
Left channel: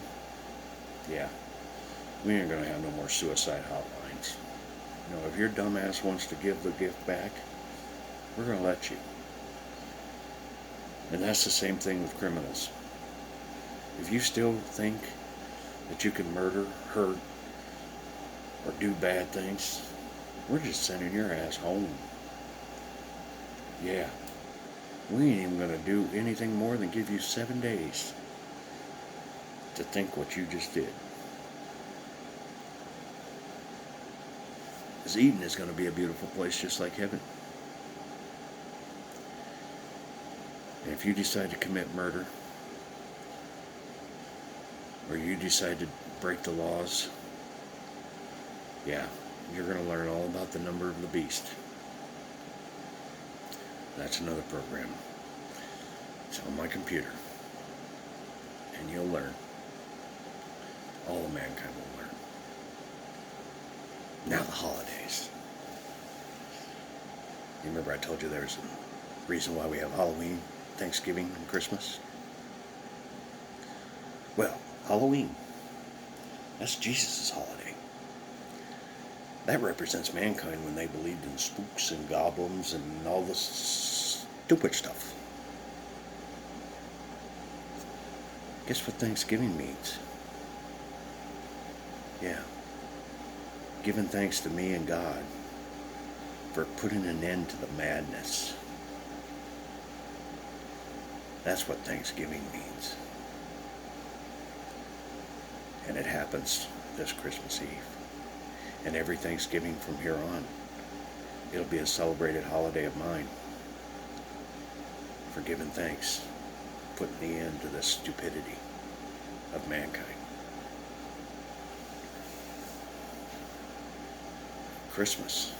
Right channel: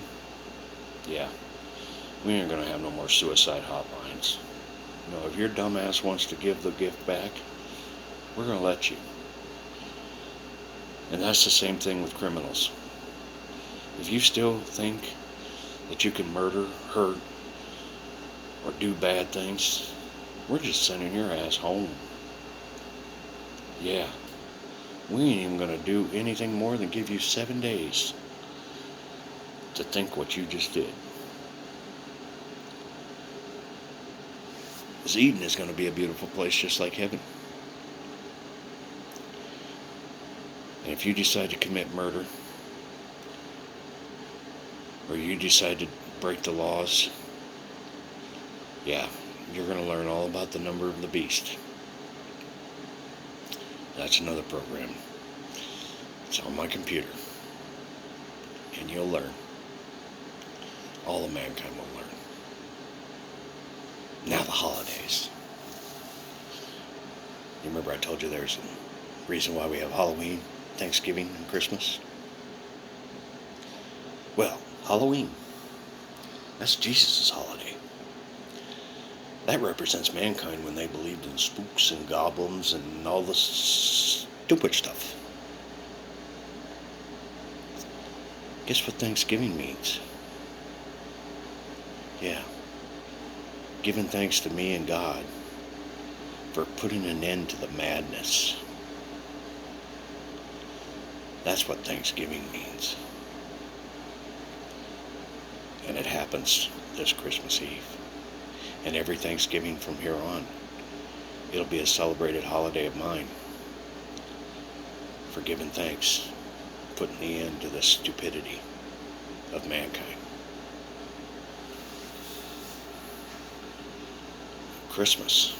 yeah, we ain't going to have no more suicide hotlines. You know, if your dumbass wants to give the gift back, we're going to let you. And that's the same thing with criminals. If you still think that you can murder, hurt, or do bad things, we're just sending your ass home. Yeah, we ain't even going to do anything more than give you 7 days to think what you just did. Because Eden is going to be a beautiful place just like heaven. And if you decide to commit murder, or you decide to break the laws, yeah, you're going to learn all about the number of the beast. That's another program. It's on my computer. And you'll learn. All of mankind will learn. Now the holidays. You remember I told you there's a reason why we have Halloween, Thanksgiving, and Christmas? Well, Halloween, that's Jesus' holiday. That represents mankind when they believed in spooks and goblins and all this stupid stuff. Guess what Thanksgiving means? Yeah. Giving thanks to me and God for putting an end to the madness. That's what Thanksgiving means. And it happens this Christmas Eve. And every Thanksgiving from here on, it'll be a celebrated holiday of mine for giving thanks, putting the end to the stupidity of mankind. Christmas.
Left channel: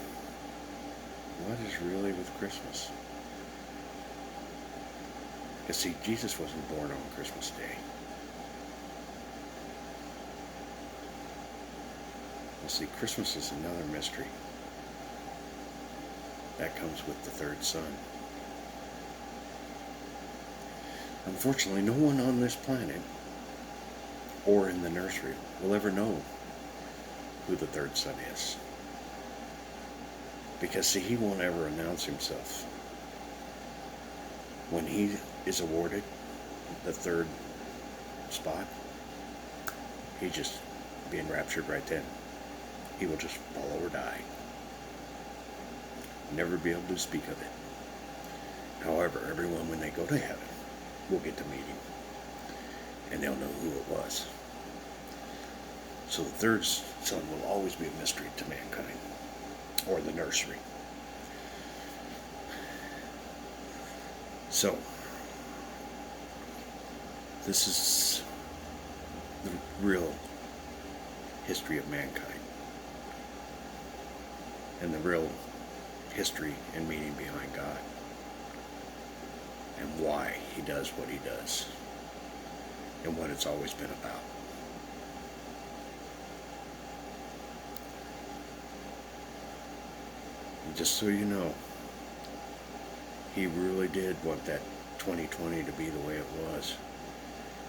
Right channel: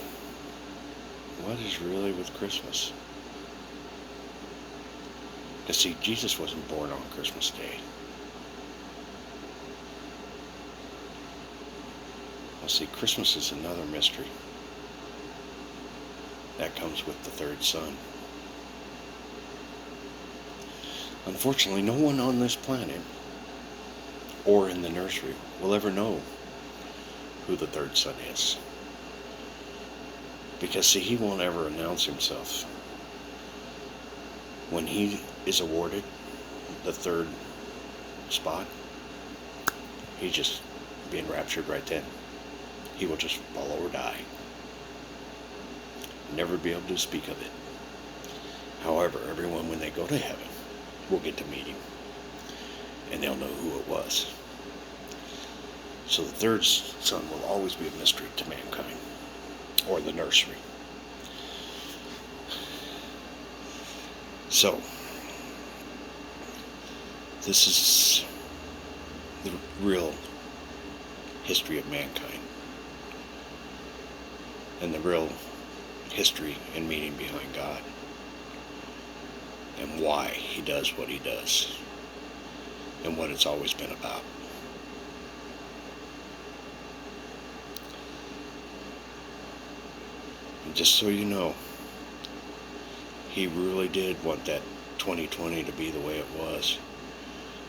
What is really with Christmas? Because see, Jesus wasn't born on Christmas Day. see, Christmas is another mystery. That comes with the third son. Unfortunately, no one on this planet or in the nursery will ever know who the third son is. Because, see, he won't ever announce himself. When he is awarded the third spot, he's just being raptured right then. He will just fall or die. Never be able to speak of it. However, everyone, when they go to heaven, will get to meet him. And they'll know who it was. So the third son will always be a mystery to mankind. Or the nursery. So, this is the real history of mankind. And the real history and meaning behind God. And why he does what he does. And what it's always been about. And just so you know, he really did want that 2020 to be the way it was.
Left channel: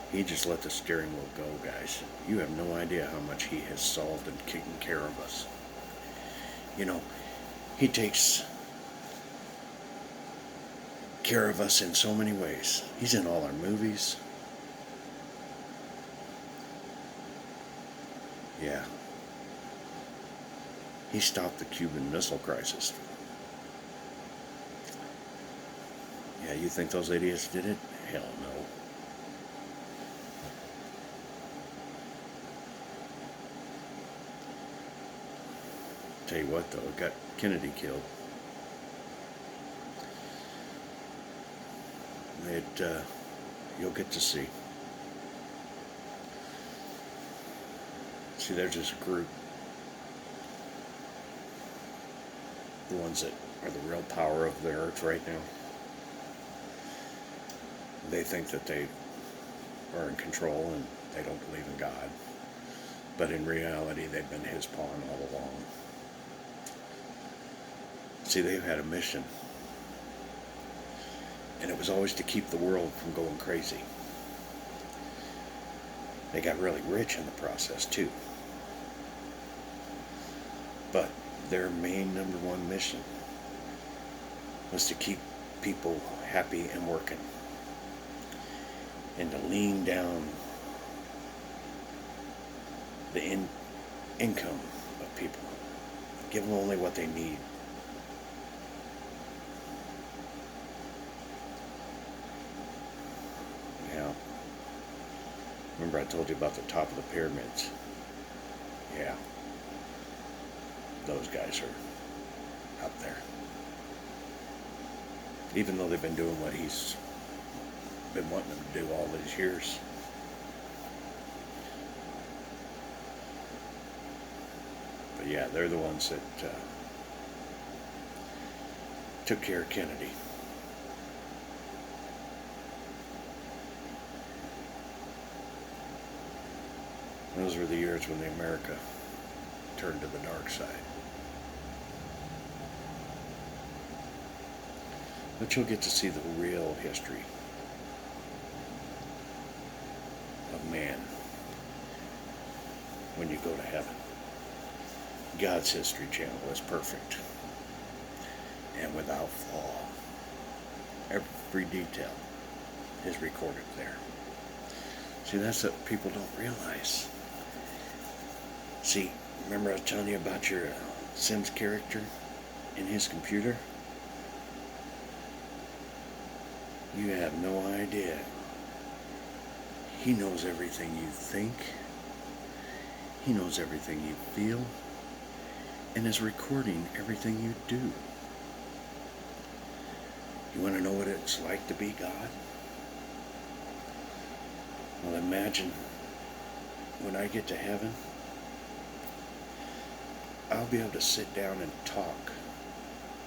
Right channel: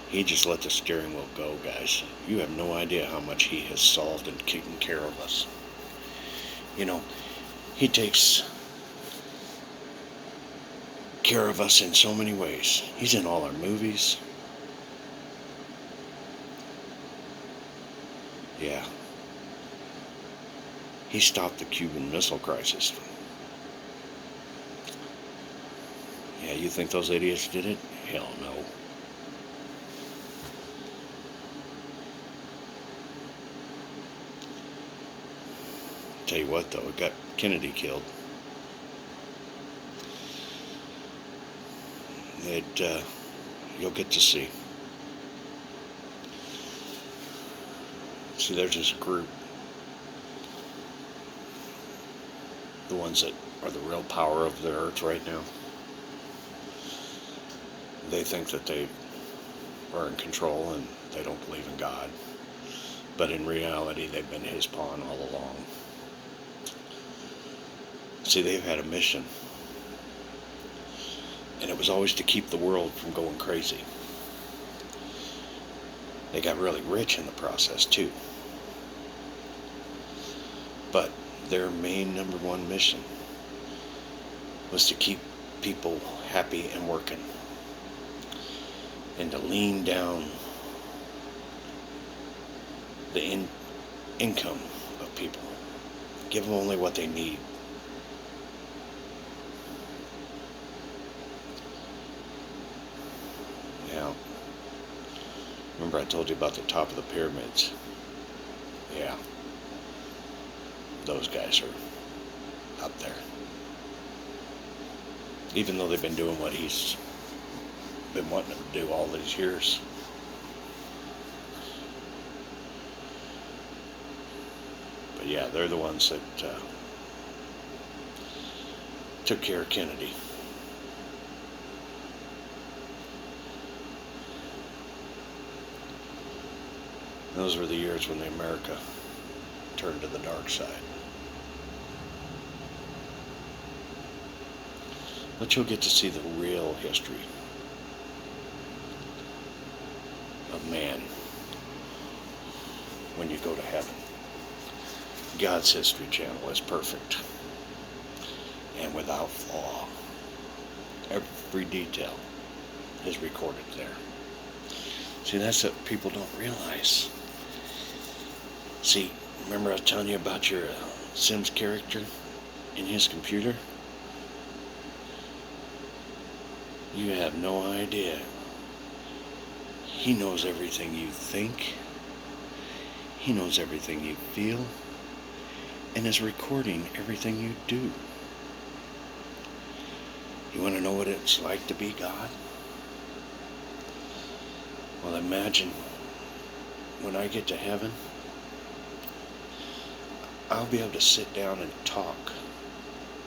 He just let the steering wheel go, guys. You have no idea how much he has solved and taken care of us. You know, he takes care of us in so many ways. He's in all our movies. Yeah. He stopped the Cuban Missile Crisis. Yeah, you think those idiots did it? Hell no. Tell you what, though, it got Kennedy killed. You'll get to see. See, there's this group. The ones that are the real power of the earth right now. They think that they are in control and they don't believe in God. But in reality, they've been his pawn all along. See, they've had a mission. And it was always to keep the world from going crazy. They got really rich in the process, too. But their main number one mission was to keep people happy and working. And to lean down the income of people. Give them only what they need. Now, remember I told you about the top of the pyramids? Yeah. Those guys are up there. Even though they've been doing what he's been wanting them to do all these years. But yeah, they're the ones that took care of Kennedy. Those were the years when America turned to the dark side. But you'll get to see the real history of man when you go to heaven. God's History Channel is perfect and without flaw. Every detail is recorded there. See, that's what people don't realize. See, remember I was telling you about your Sims character in his computer? You have no idea. He knows everything you think. He knows everything you feel. And is recording everything you do. You want to know what it's like to be God? Well, imagine when I get to heaven, I'll be able to sit down and talk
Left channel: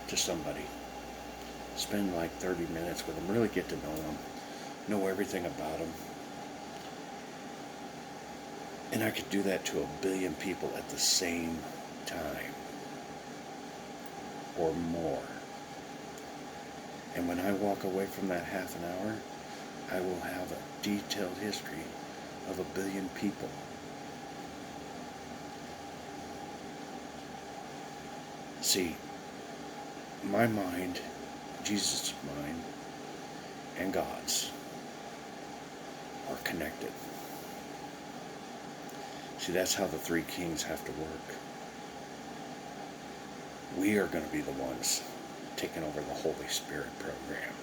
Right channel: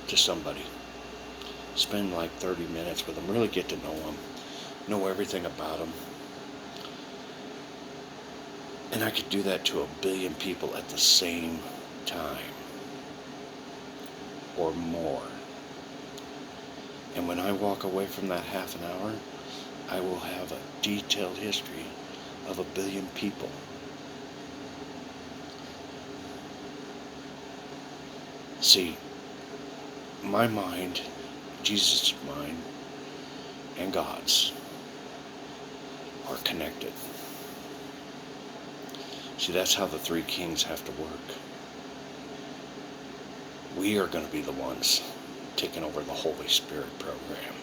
to somebody. Spend like 30 minutes with them, really get to know them, know everything about them. And I could do that to 1 billion people at the same time or more. And when I walk away from that half an hour, I will have a detailed history of 1 billion people. See, my mind, Jesus' mind, and God's are connected. See, that's how the three kings have to work. We are going to be the ones taking over the Holy Spirit program.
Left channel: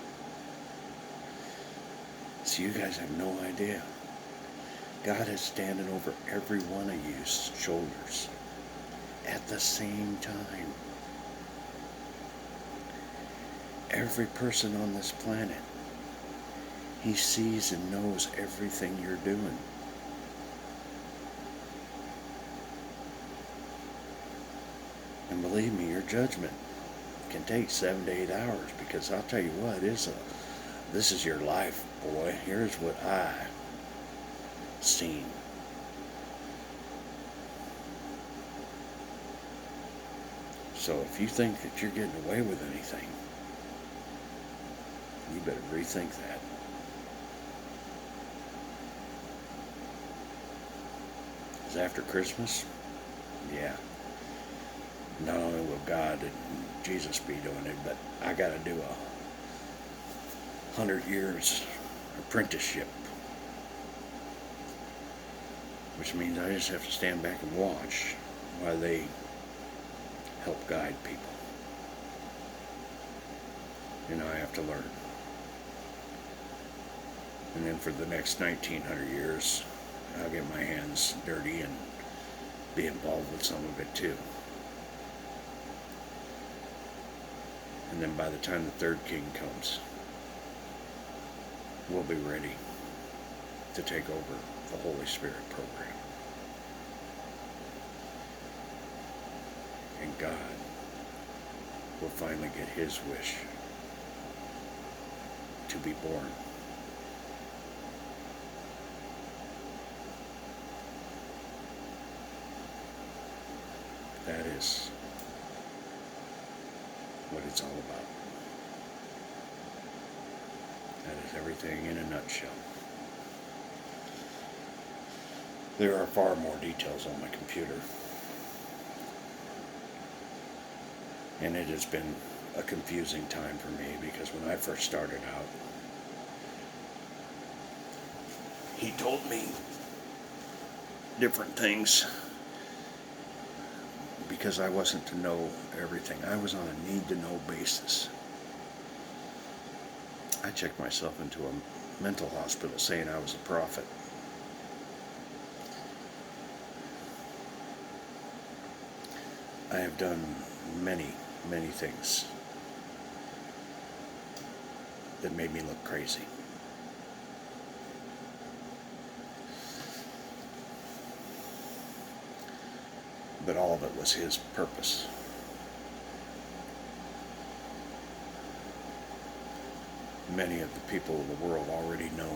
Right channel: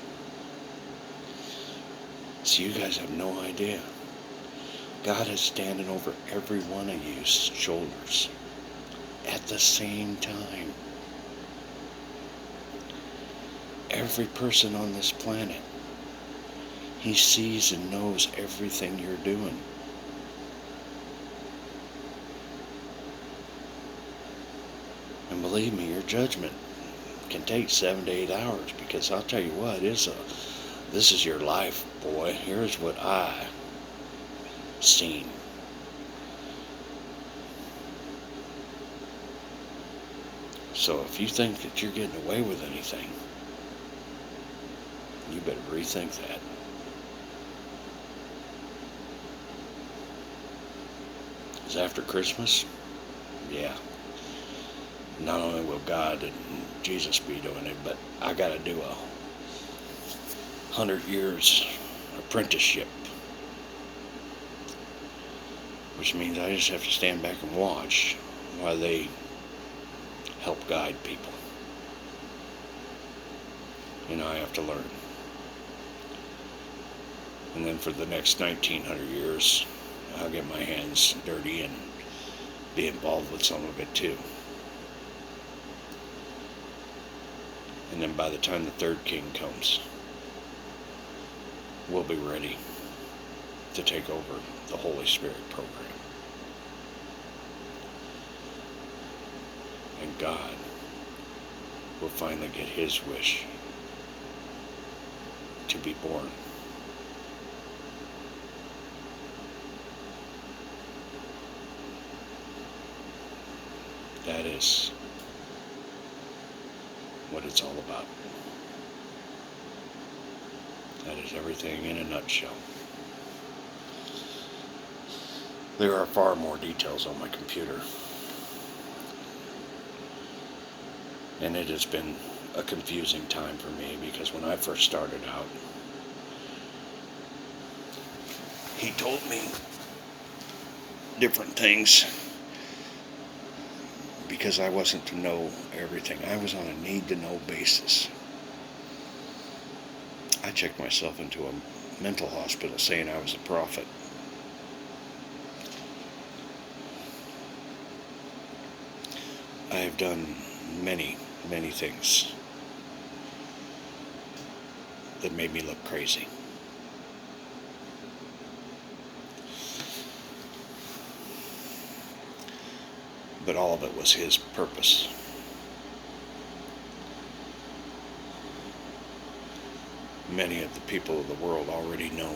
So you guys have no idea. God is standing over every one of you's shoulders at the same time. Every person on this planet, He sees and knows everything you're doing. And believe me, your judgment can take 7 to 8 hours, because I'll tell you what, this is your life, boy. Here's what I seen. So if you think that you're getting away with anything, you better rethink that. Because after Christmas, yeah, not only will God and Jesus be doing it, but I got to do a 100 years apprenticeship, which means I just have to stand back and watch while they help guide people. And I have to learn. And then for the next 1900 years, I'll get my hands dirty and be involved with some of it too. And then by the time the third king comes, we'll be ready to take over the Holy Spirit program. And God will finally get His wish to be born. That is what it's all about. That is everything in a nutshell. There are far more details on my computer. And it has been a confusing time for me, because when I first started out, he told me different things because I wasn't to know everything. I was on a need-to-know basis. I checked myself into a mental hospital saying I was a prophet. I have done many things that made me look crazy. But all of it was His purpose. Many of the people of the world already know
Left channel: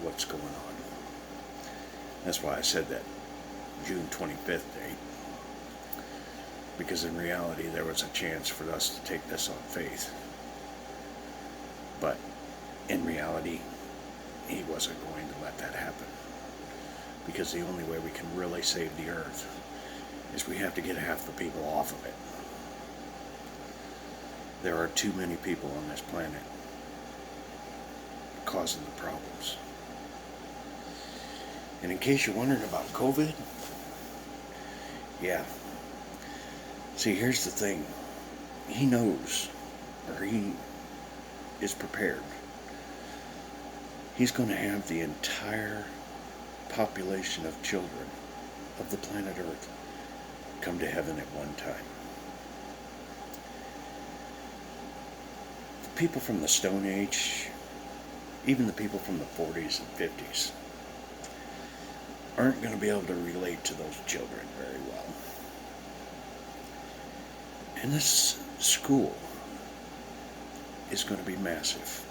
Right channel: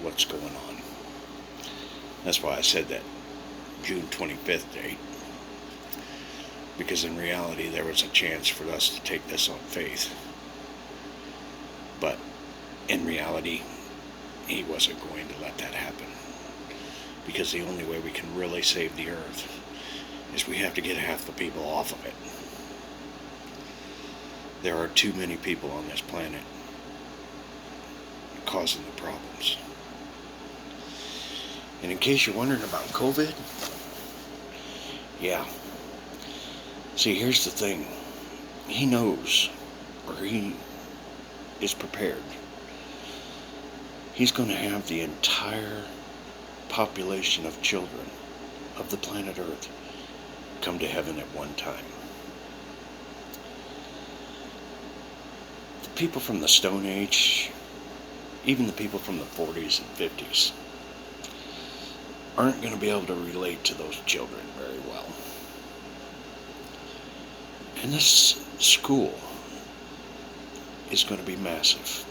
what's going on. That's why I said that June 25th date. Because in reality, there was a chance for us to take this on faith. But in reality, He wasn't going to let that happen. Because the only way we can really save the earth is we have to get half the people off of it. There are too many people on this planet causing the problems. And in case you're wondering about COVID, yeah. See, here's the thing. He knows, or He is prepared. He's going to have the entire population of children of the planet Earth come to heaven at one time. The people from the Stone Age, even the people from the 40s and 50s, aren't going to be able to relate to those children very well. And this school is going to be massive.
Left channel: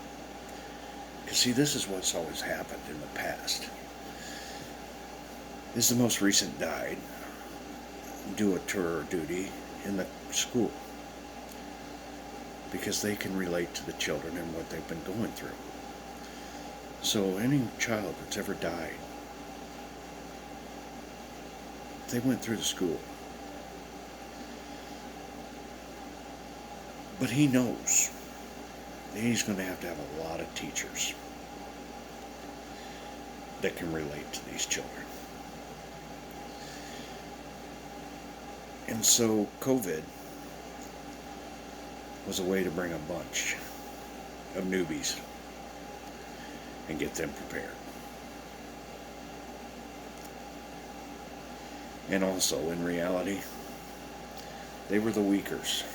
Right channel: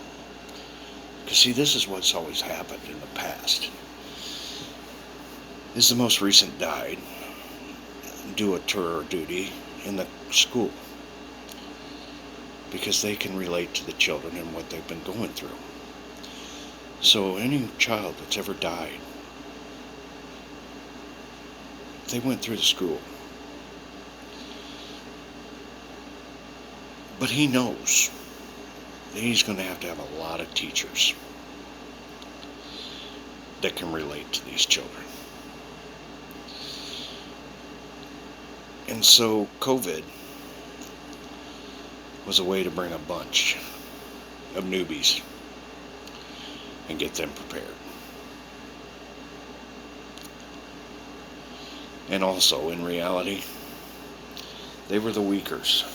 Because see, this is what's always happened in the past. is the most recent died, do a tour of duty in the school because they can relate to the children and what they've been going through. So any child that's ever died, they went through the school. But he knows that he's going to have a lot of teachers that can relate to these children. And so COVID was a way to bring a bunch of newbies and get them prepared. And also, in reality, they were the weakers,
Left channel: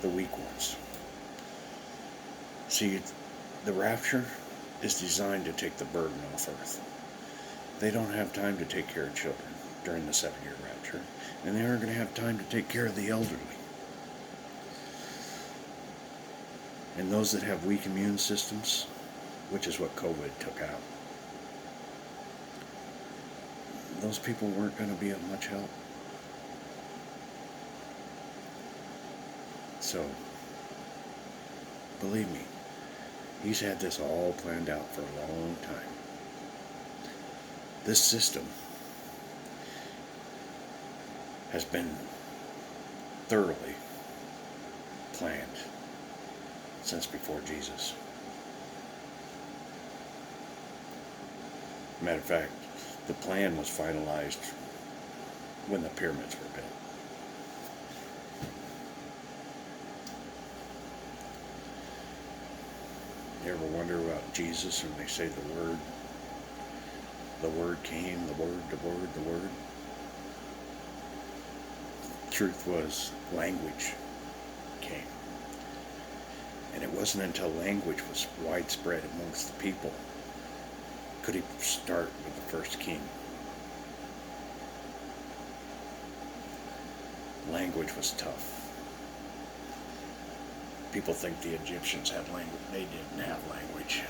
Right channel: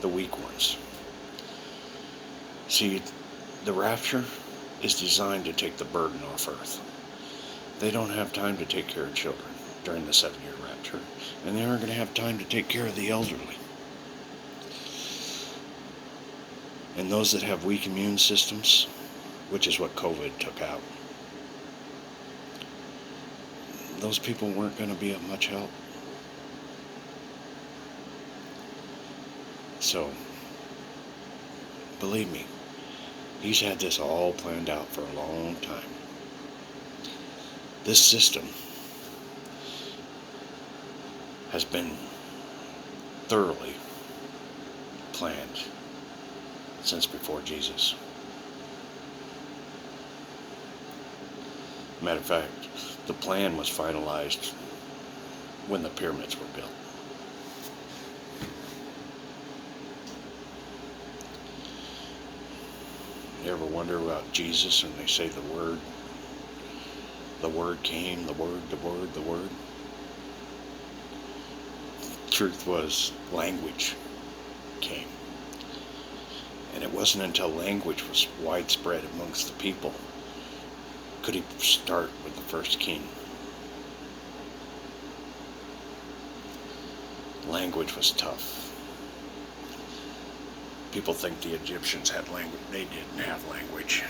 the weak ones. See, the rapture is designed to take the burden off earth. They don't have time to take care of children during the 7-year rapture, and they aren't going to have time to take care of the elderly. And those that have weak immune systems, which is what COVID took out, those people weren't going to be of much help. So, believe me, he's had this all planned out for a long time. This system has been thoroughly planned since before Jesus. Matter of fact, the plan was finalized when the pyramids were built. You ever wonder about Jesus when they say the Word came, the Word. Truth was, language came. And it wasn't until language was widespread amongst the people could he start with the first king. Language was tough. People think the Egyptians had language. They didn't have language.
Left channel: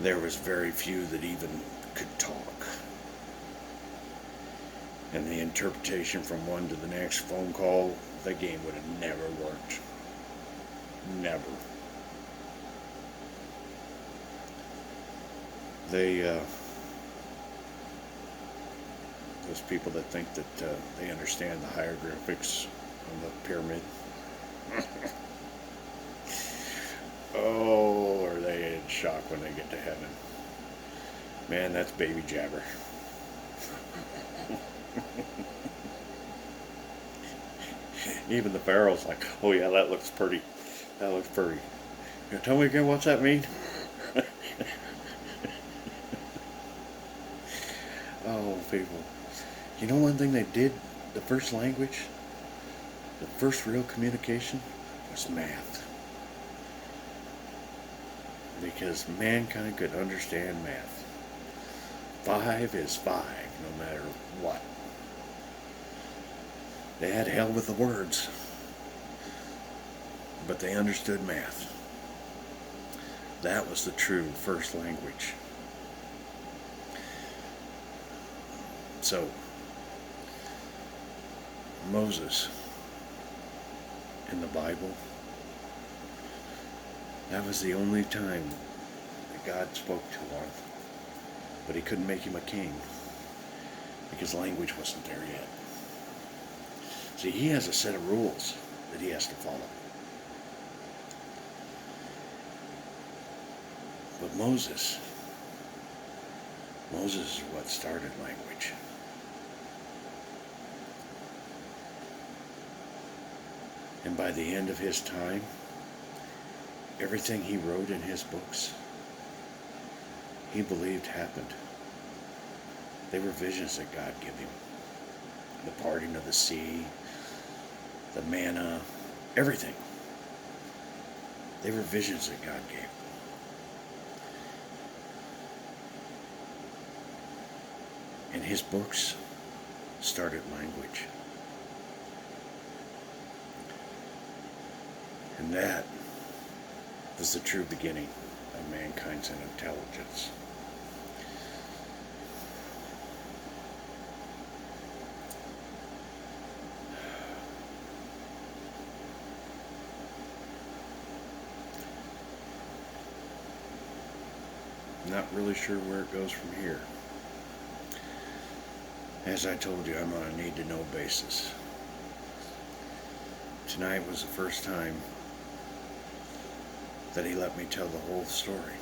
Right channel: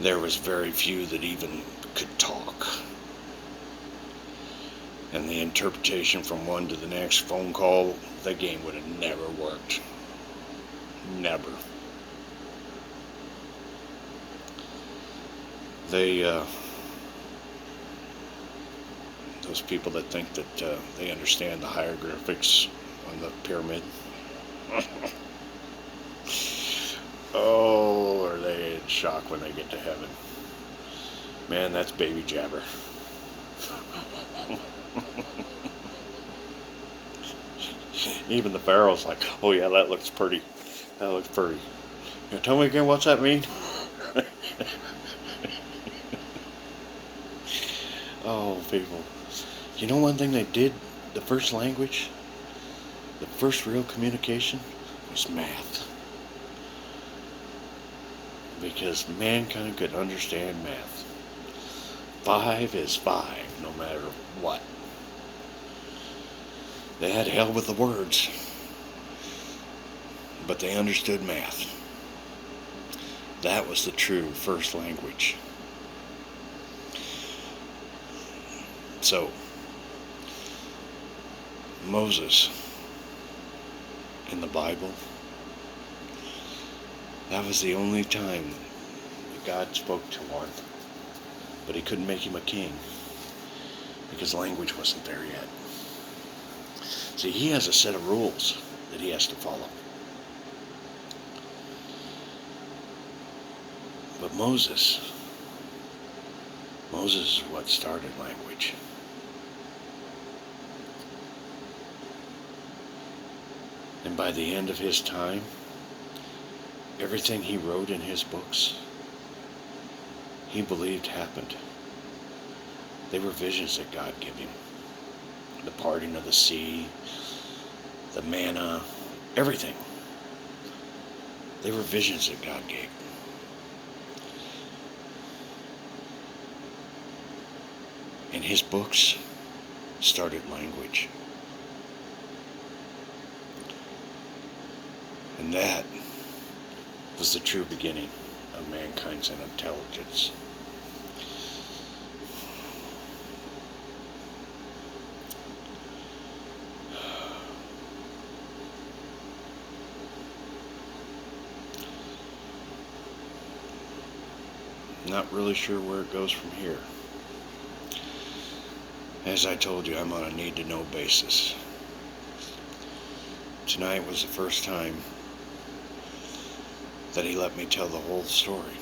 There was very few that even could talk. And the interpretation from one to the next phone call, the game would have never worked. Never. Those people that think that they understand the hieroglyphics on the pyramid. Oh, are they in shock when they get to heaven? Man, that's baby jabber. Even the Pharaoh's like, oh yeah, that looks pretty. That looks pretty. You tell me again, what's that mean? Oh, people. You know one thing they did, the first language, the first real communication was math. Because mankind could understand math. 5 is 5, no matter what. They had hell with the words, but they understood math. That was the true first language. So, Moses in the Bible, that was the only time that God spoke to one, but he couldn't make him a king because language wasn't there yet. See, he has a set of rules that he has to follow. But Moses is what started language. And by the end of his time, everything he wrote in his books, he believed happened. They were visions that God gave him. The parting of the sea, the manna, everything. They were visions that God gave. And his books started language. And that was the true beginning of mankind's intelligence. Not really sure where it goes from here. As I told you, I'm on a need-to-know basis. Tonight was the first time that he let me tell the whole story.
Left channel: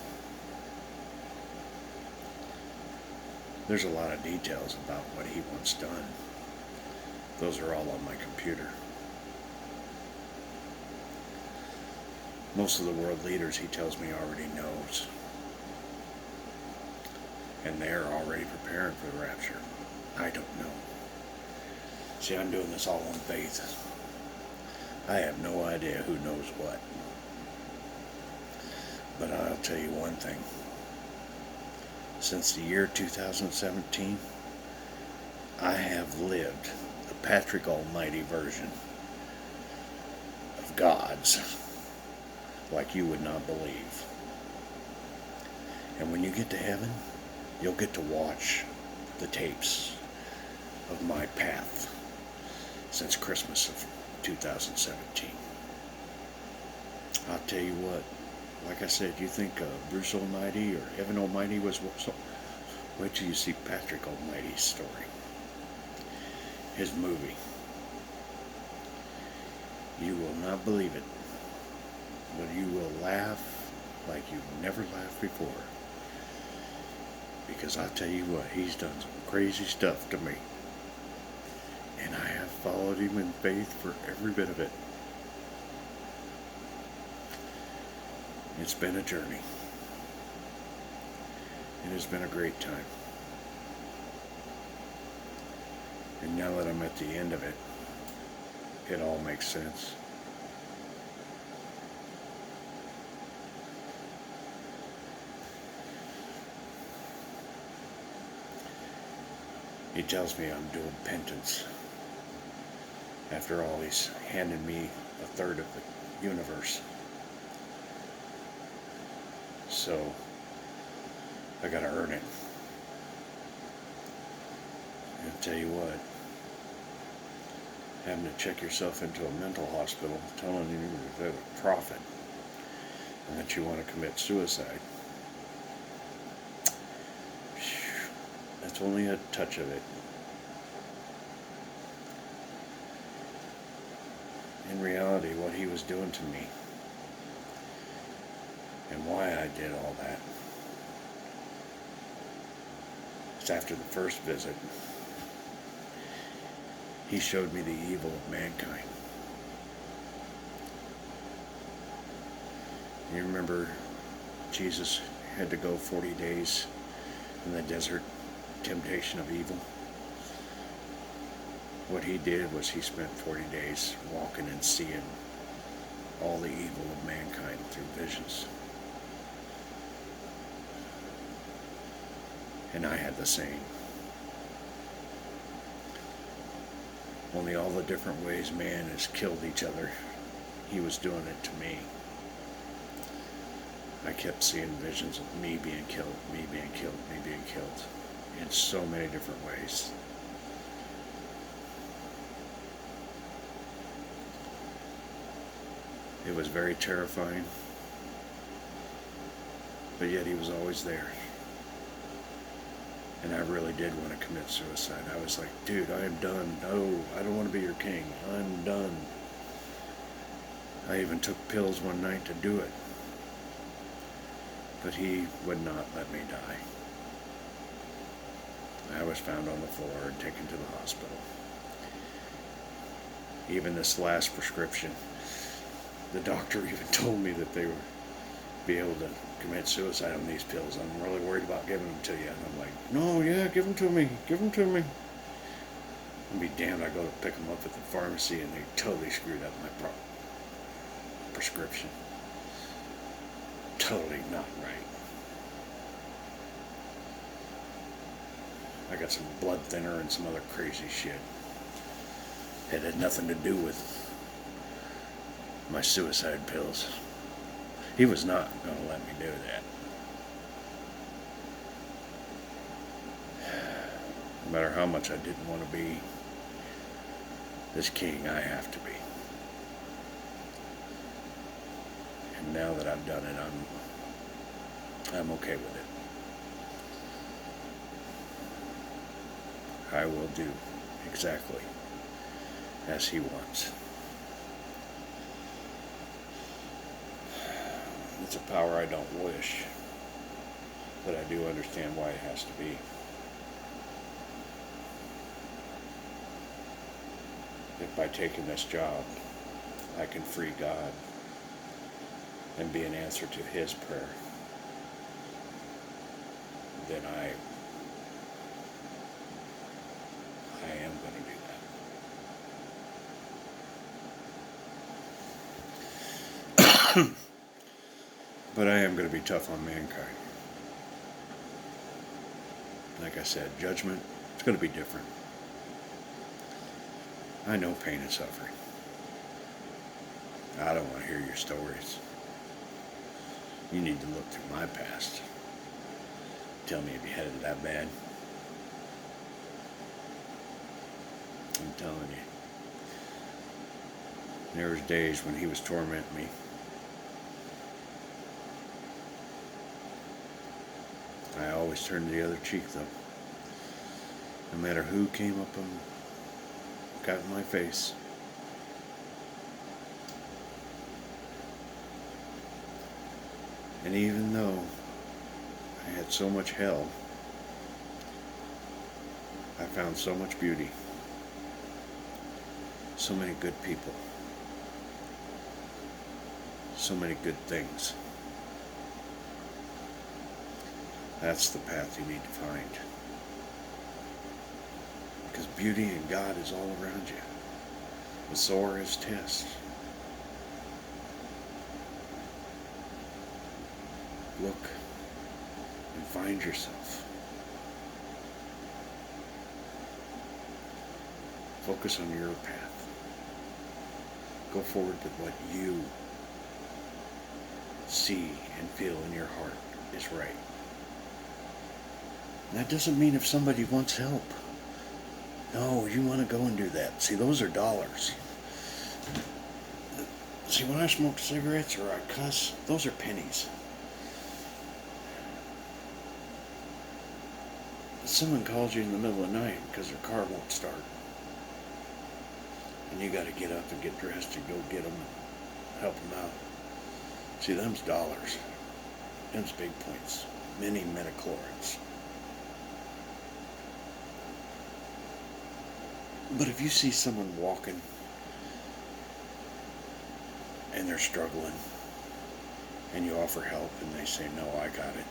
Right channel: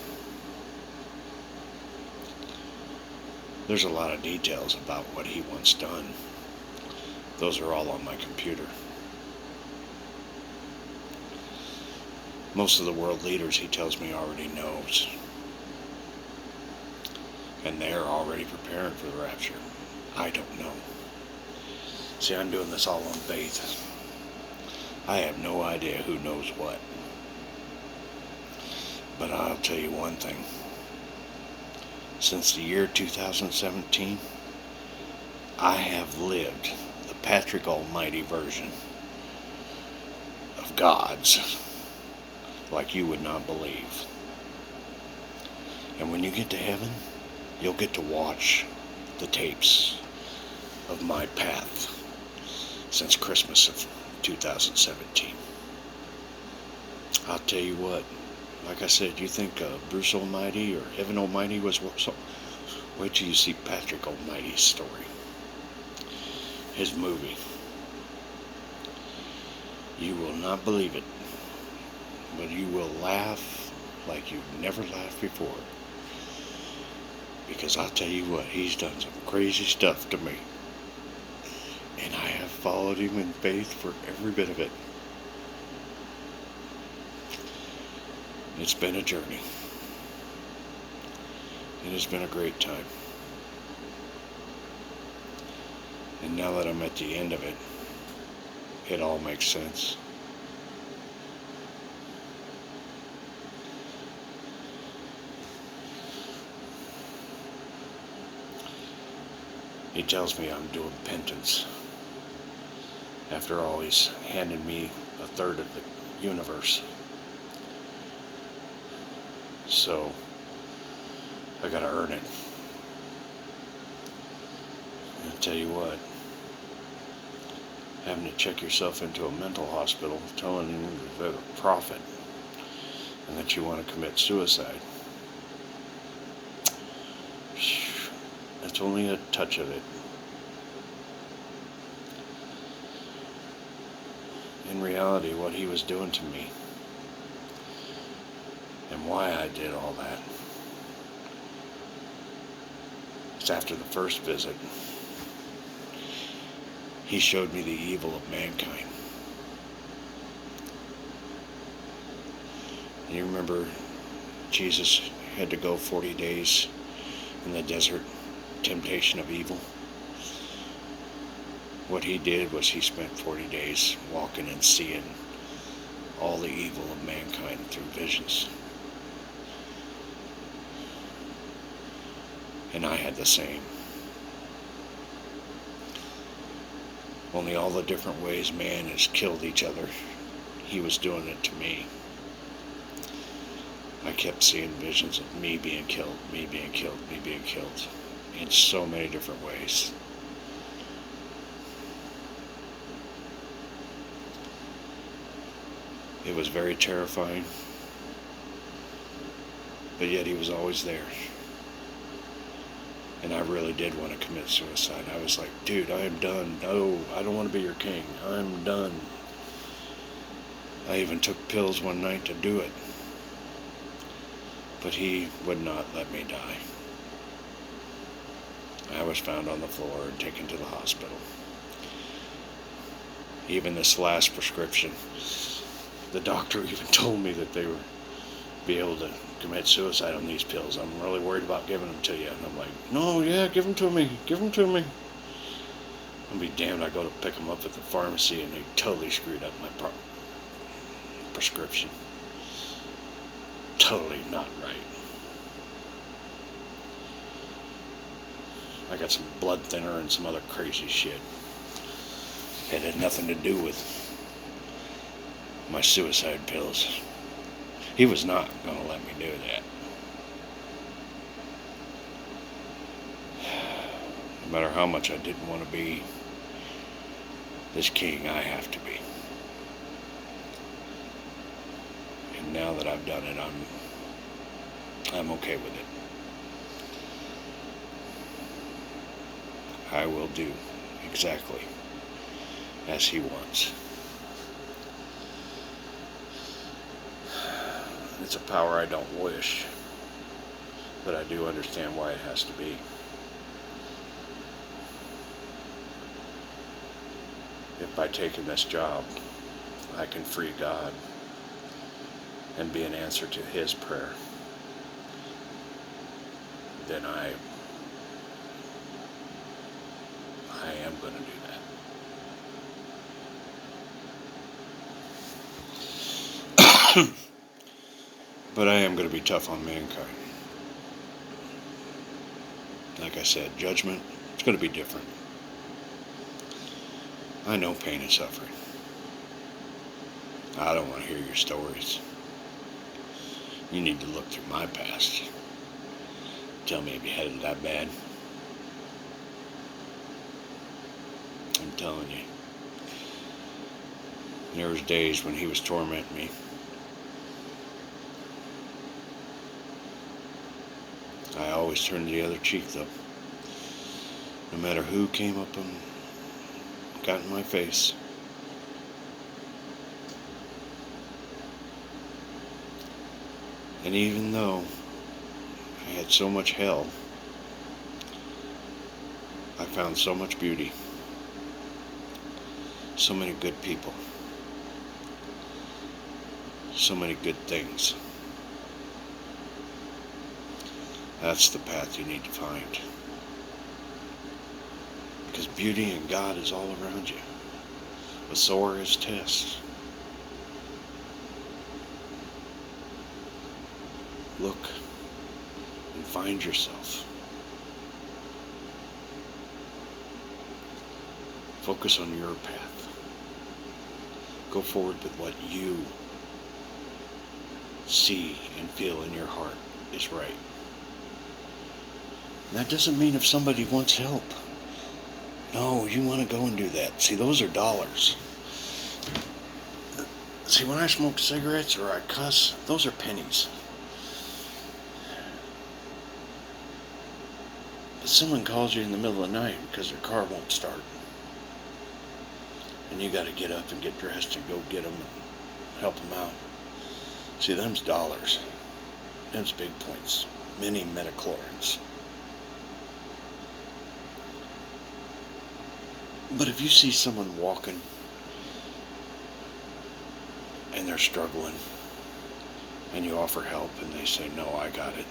There's a lot of details about what he wants done. Those are all on my computer. Most of the world leaders, he tells me, already knows. And they're already preparing for the rapture. I don't know. See, I'm doing this all on faith. I have no idea who knows what. But I'll tell you one thing. Since the year 2017, I have lived the Patrick Almighty version of God's like you would not believe. And when you get to heaven, you'll get to watch the tapes of my path since Christmas of 2017. I'll tell you what, like I said, you think Bruce Almighty or Heaven Almighty was so, wait till you see Patrick Almighty's story, his movie. You will not believe it, but you will laugh like you've never laughed before. Because I'll tell you what, he's done some crazy stuff to me. And I have followed him in faith for every bit of it. It's been a journey. It has been a great time. And now that I'm at the end of it, it all makes sense. He tells me I'm doing penance. After all, he's handed me a third of the universe. So, I gotta earn it. And I'll tell you what, having to check yourself into a mental hospital telling you that you're a prophet and that you want to commit suicide, that's only a touch of it. In reality, what he was doing to me and why I did all that, it's after the first visit, he showed me the evil of mankind. You remember Jesus had to go 40 days in the desert, temptation of evil. What he did was he spent 40 days walking and seeing all the evil of mankind through visions. And I had the same. Only all the different ways man has killed each other, he was doing it to me. I kept seeing visions of me being killed, me being killed, me being killed, in so many different ways. It was very terrifying, but yet he was always there. And I really did want to commit suicide. I was like, dude, I am done. No, I don't want to be your king. I'm done. I even took pills one night to do it. But he would not let me die. I was found on the floor and taken to the hospital. Even this last prescription, the doctor even told me that they would be able to commit suicide on these pills. I'm really worried about giving them to you. And I'm like, no, yeah, give them to me. Give them to me. I'll be damned, I go to pick them up at the pharmacy and they totally screwed up my prescription. Totally not right. I got some blood thinner and some other crazy shit. It had nothing to do with my suicide pills. He was not going to let me do that. No matter how much I didn't want to be this king, I have to be. And now that I've done it, I'm okay with it. I will do exactly as He wants. It's a power I don't wish, but I do understand why it has to be. If by taking this job, I can free God and be an answer to His prayer, then I am going to do that. But I am going to be tough on mankind. Like I said, judgment, it's going to be different. I know pain and suffering. I don't want to hear your stories. You need to look through my past. Tell me if you had it that bad. I'm telling you. There was days when He was tormenting me. I always turned the other cheek though. No matter who came up and got in my face. And even though I had so much hell, I found so much beauty. So many good people. So many good things. That's the path you need to find. Because beauty and God is all around you. But so are His tests. Look and find yourself. Focus on your path. Go forward with what you see and feel in your heart is right. And that doesn't mean if somebody wants help. No, you want to go and do that. See, those are dollars. See, when I smoke cigarettes or I cuss, those are pennies. But someone calls you in the middle of the night because their car won't start. And you got to get up and get dressed and go get them and help them out. See, them's dollars. Them's big points. Many metachlorines. But if you see someone walking and they're struggling and you offer help and they say, no, I got it.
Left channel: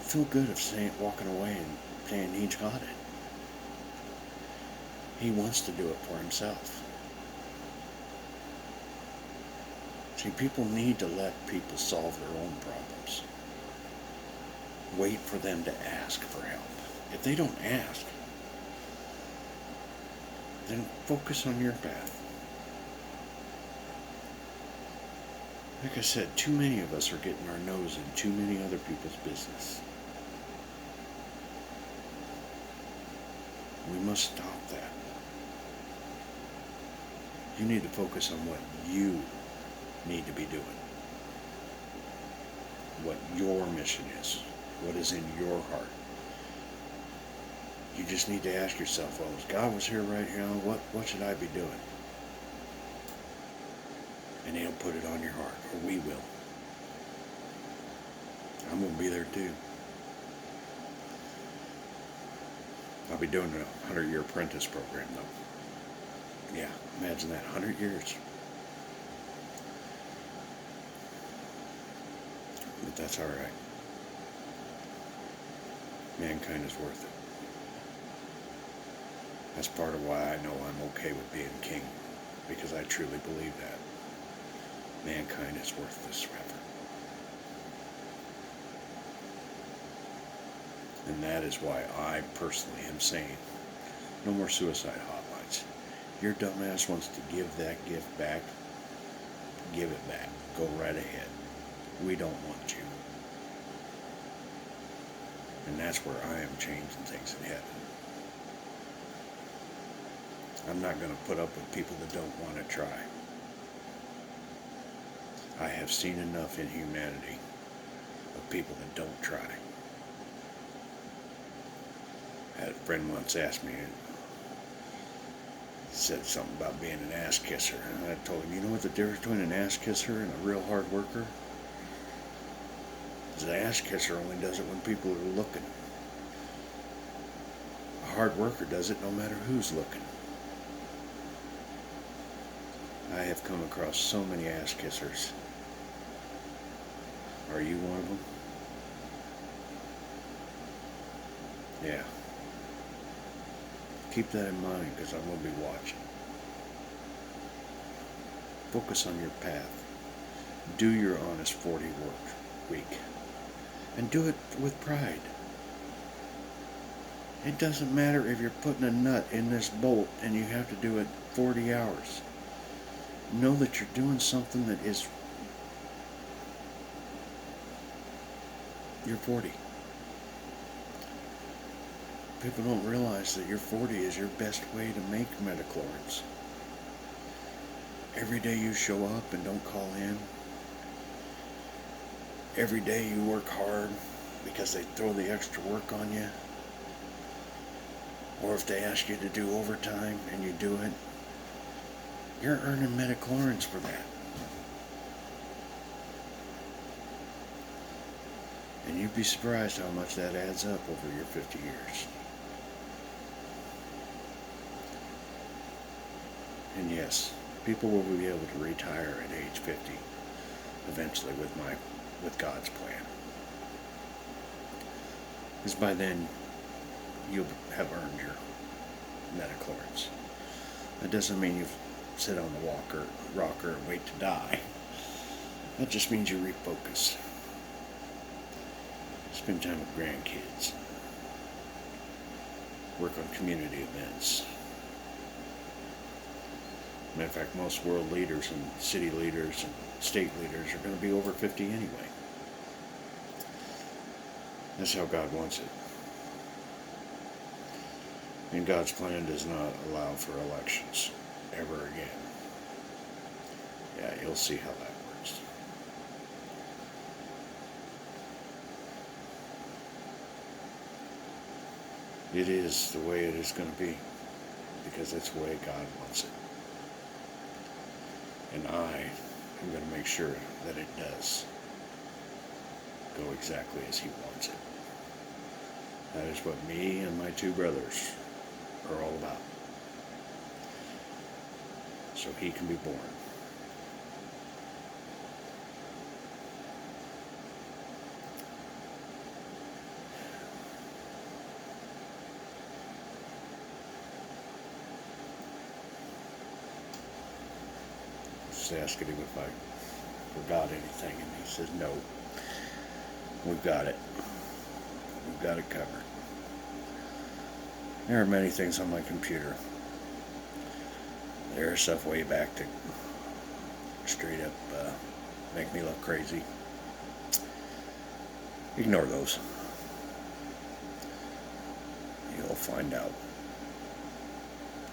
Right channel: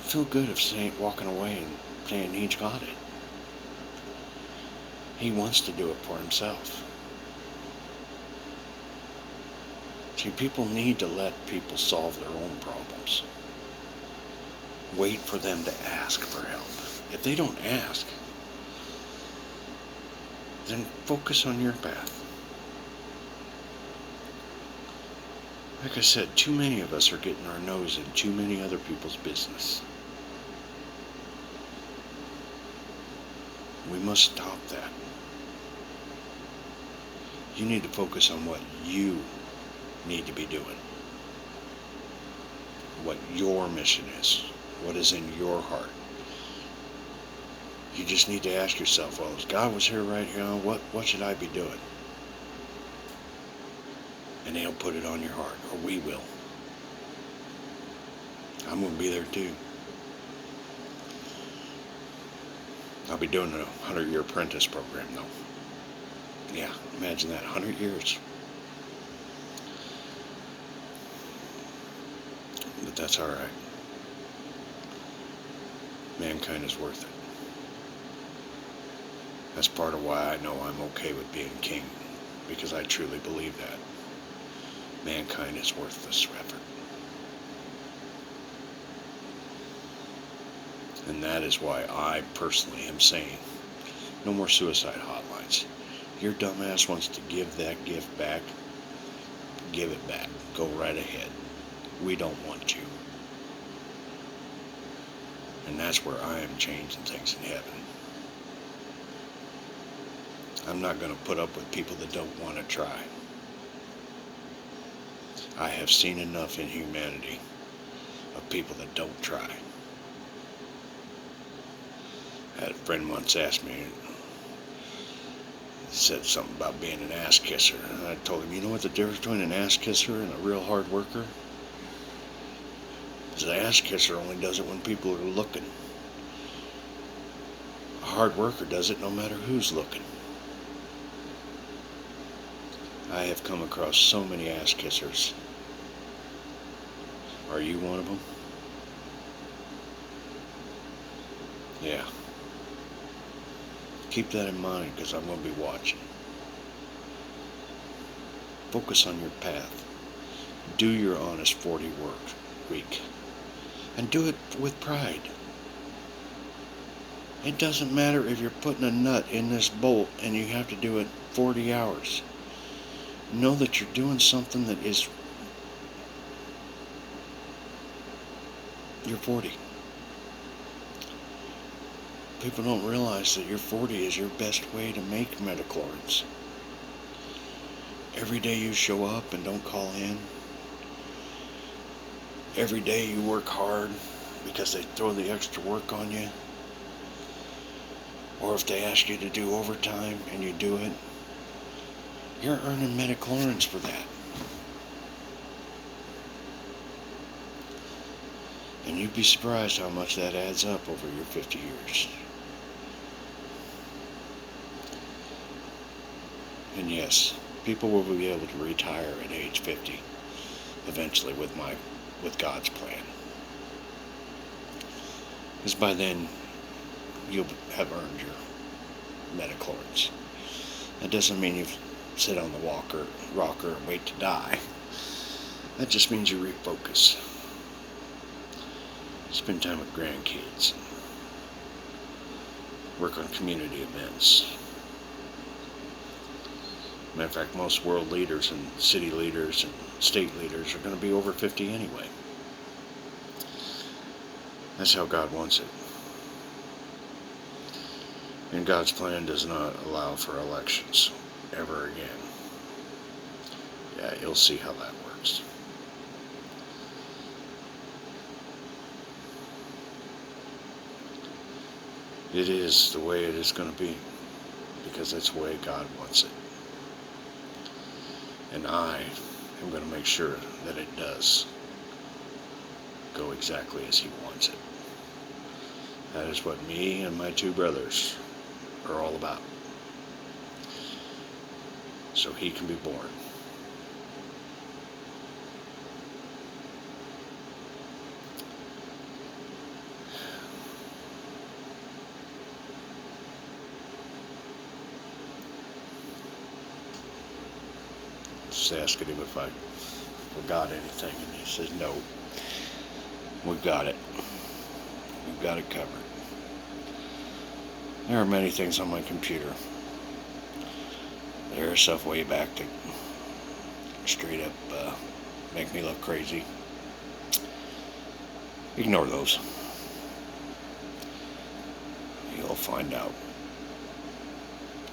Feel good of walking away and saying He's got it. He wants to do it for Himself. See, people need to let people solve their own problems. Wait for them to ask for help. If they don't ask, then focus on your path. Like I said, too many of us are getting our nose in too many other people's business. We must stop that. You need to focus on what you need to be doing. What your mission is. What is in your heart. You just need to ask yourself, well, if God was here right now, what should I be doing? And He'll put it on your heart, or we will. I'm going to be there too. I'll be doing a 100-year apprentice program though. Yeah, imagine that, 100 years. But that's all right. Mankind is worth it. That's part of why I know I'm okay with being king, because I truly believe that. Mankind is worth this effort. And that is why I personally am saying, no more suicide hotlines. Your dumbass wants to give that gift back, give it back. Go right ahead. We don't want you. And that's where I am changing things in heaven. I'm not going to put up with people that don't want to try. I have seen enough in humanity of people that don't try. I had a friend once asked me, said something about being an ass kisser. And I told him, you know what the difference between an ass kisser and a real hard worker? Is the ass kisser only does it when people are looking. A hard worker does it no matter who's looking. I have come across so many ass kissers. Are you one of them? Yeah. Keep that in mind, because I'm going to be watching. Focus on your path. Do your honest 40 work week. And do it with pride. It doesn't matter if you're putting a nut in this bolt and you have to do it 40 hours. Know that you're doing something that is your 40. People don't realize that your 40 is your best way to make metachlorines. Every day you show up and don't call in. Every day you work hard because they throw the extra work on you. Or if they ask you to do overtime and you do it, you're earning metachlorines for that. And you'd be surprised how much that adds up over your 50 years. And yes, people will be able to retire at age 50 eventually with God's plan. Because by then, you'll have earned your metachlorines. That doesn't mean you sit on the rocker and wait to die. That just means you refocus. Spend time with grandkids. Work on community events. Matter of fact, most world leaders and city leaders and state leaders are going to be over 50 anyway. That's how God wants it. And God's plan does not allow for elections ever again. Yeah, you'll see how that works. It is the way it is going to be, because that's the way God wants it. And I am going to make sure that it does go exactly as He wants it. That is what me and my two brothers are all about. So He can be born. Just asking Him if I forgot anything, and He says, no, we've got it. We've got it covered. There are many things on my computer. There's stuff way back that straight up make me look crazy. Ignore those. You'll find out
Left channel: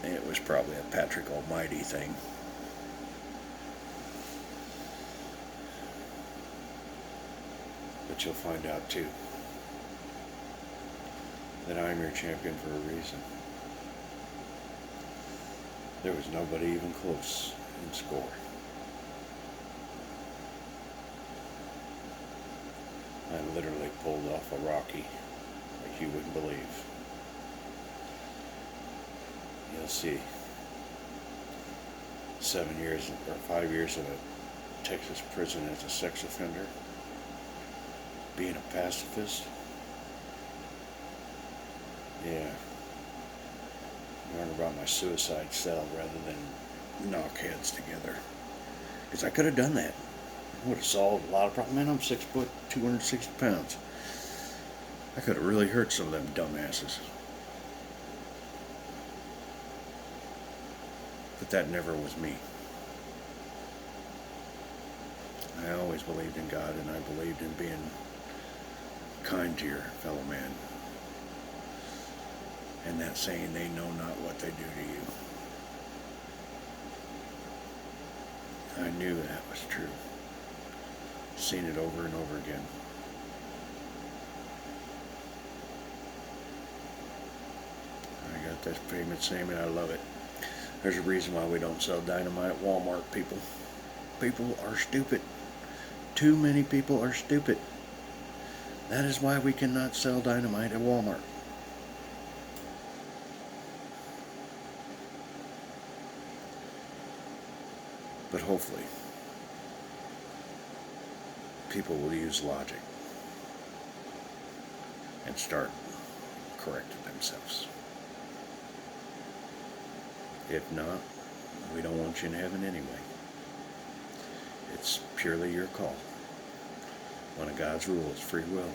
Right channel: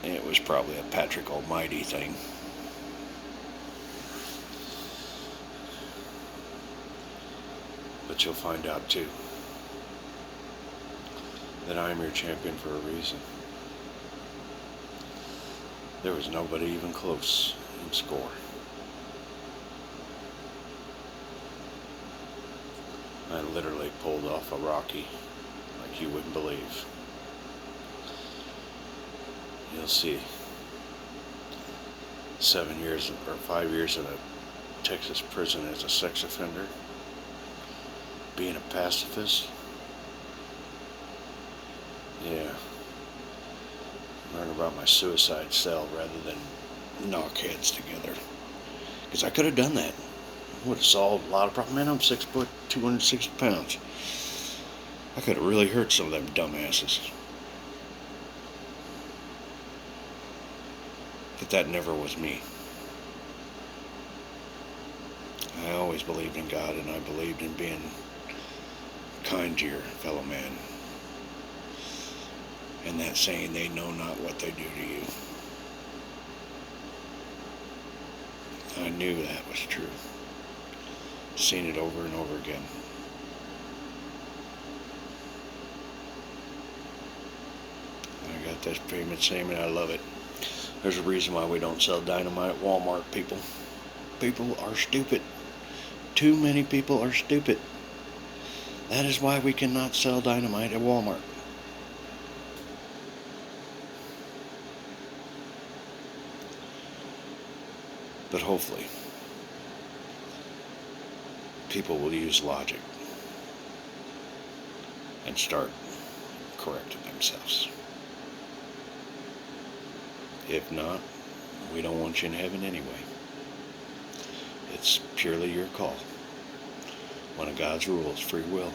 it was probably a Patrick Almighty thing. But you'll find out too that I'm your champion for a reason. There was nobody even close in score. I literally pulled off a Rocky like you wouldn't believe. You'll see. 7 years or 5 years in a Texas prison as a sex offender. Being a pacifist. Yeah. Learn about my suicide cell rather than knock heads together. Because I could have done that. Would have solved a lot of problems. Man, I'm 6 foot, 260 pounds. I could have really hurt some of them dumbasses. But that never was me. I always believed in God, and I believed in being kind to your fellow man. And that saying, they know not what they do to you. I knew that was true. Seen it over and over again. that famous saying, and I love it. There's a reason why we don't sell dynamite at Walmart, people. People are stupid. Too many people are stupid. That is why we cannot sell dynamite at Walmart. But hopefully, people will use logic and start correcting themselves. If not, we don't want you in heaven anyway. It's purely your call. One of God's rules, free will.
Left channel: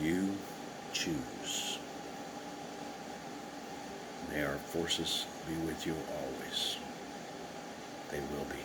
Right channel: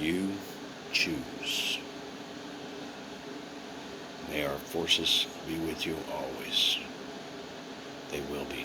You choose. May our forces be with you always. They will be.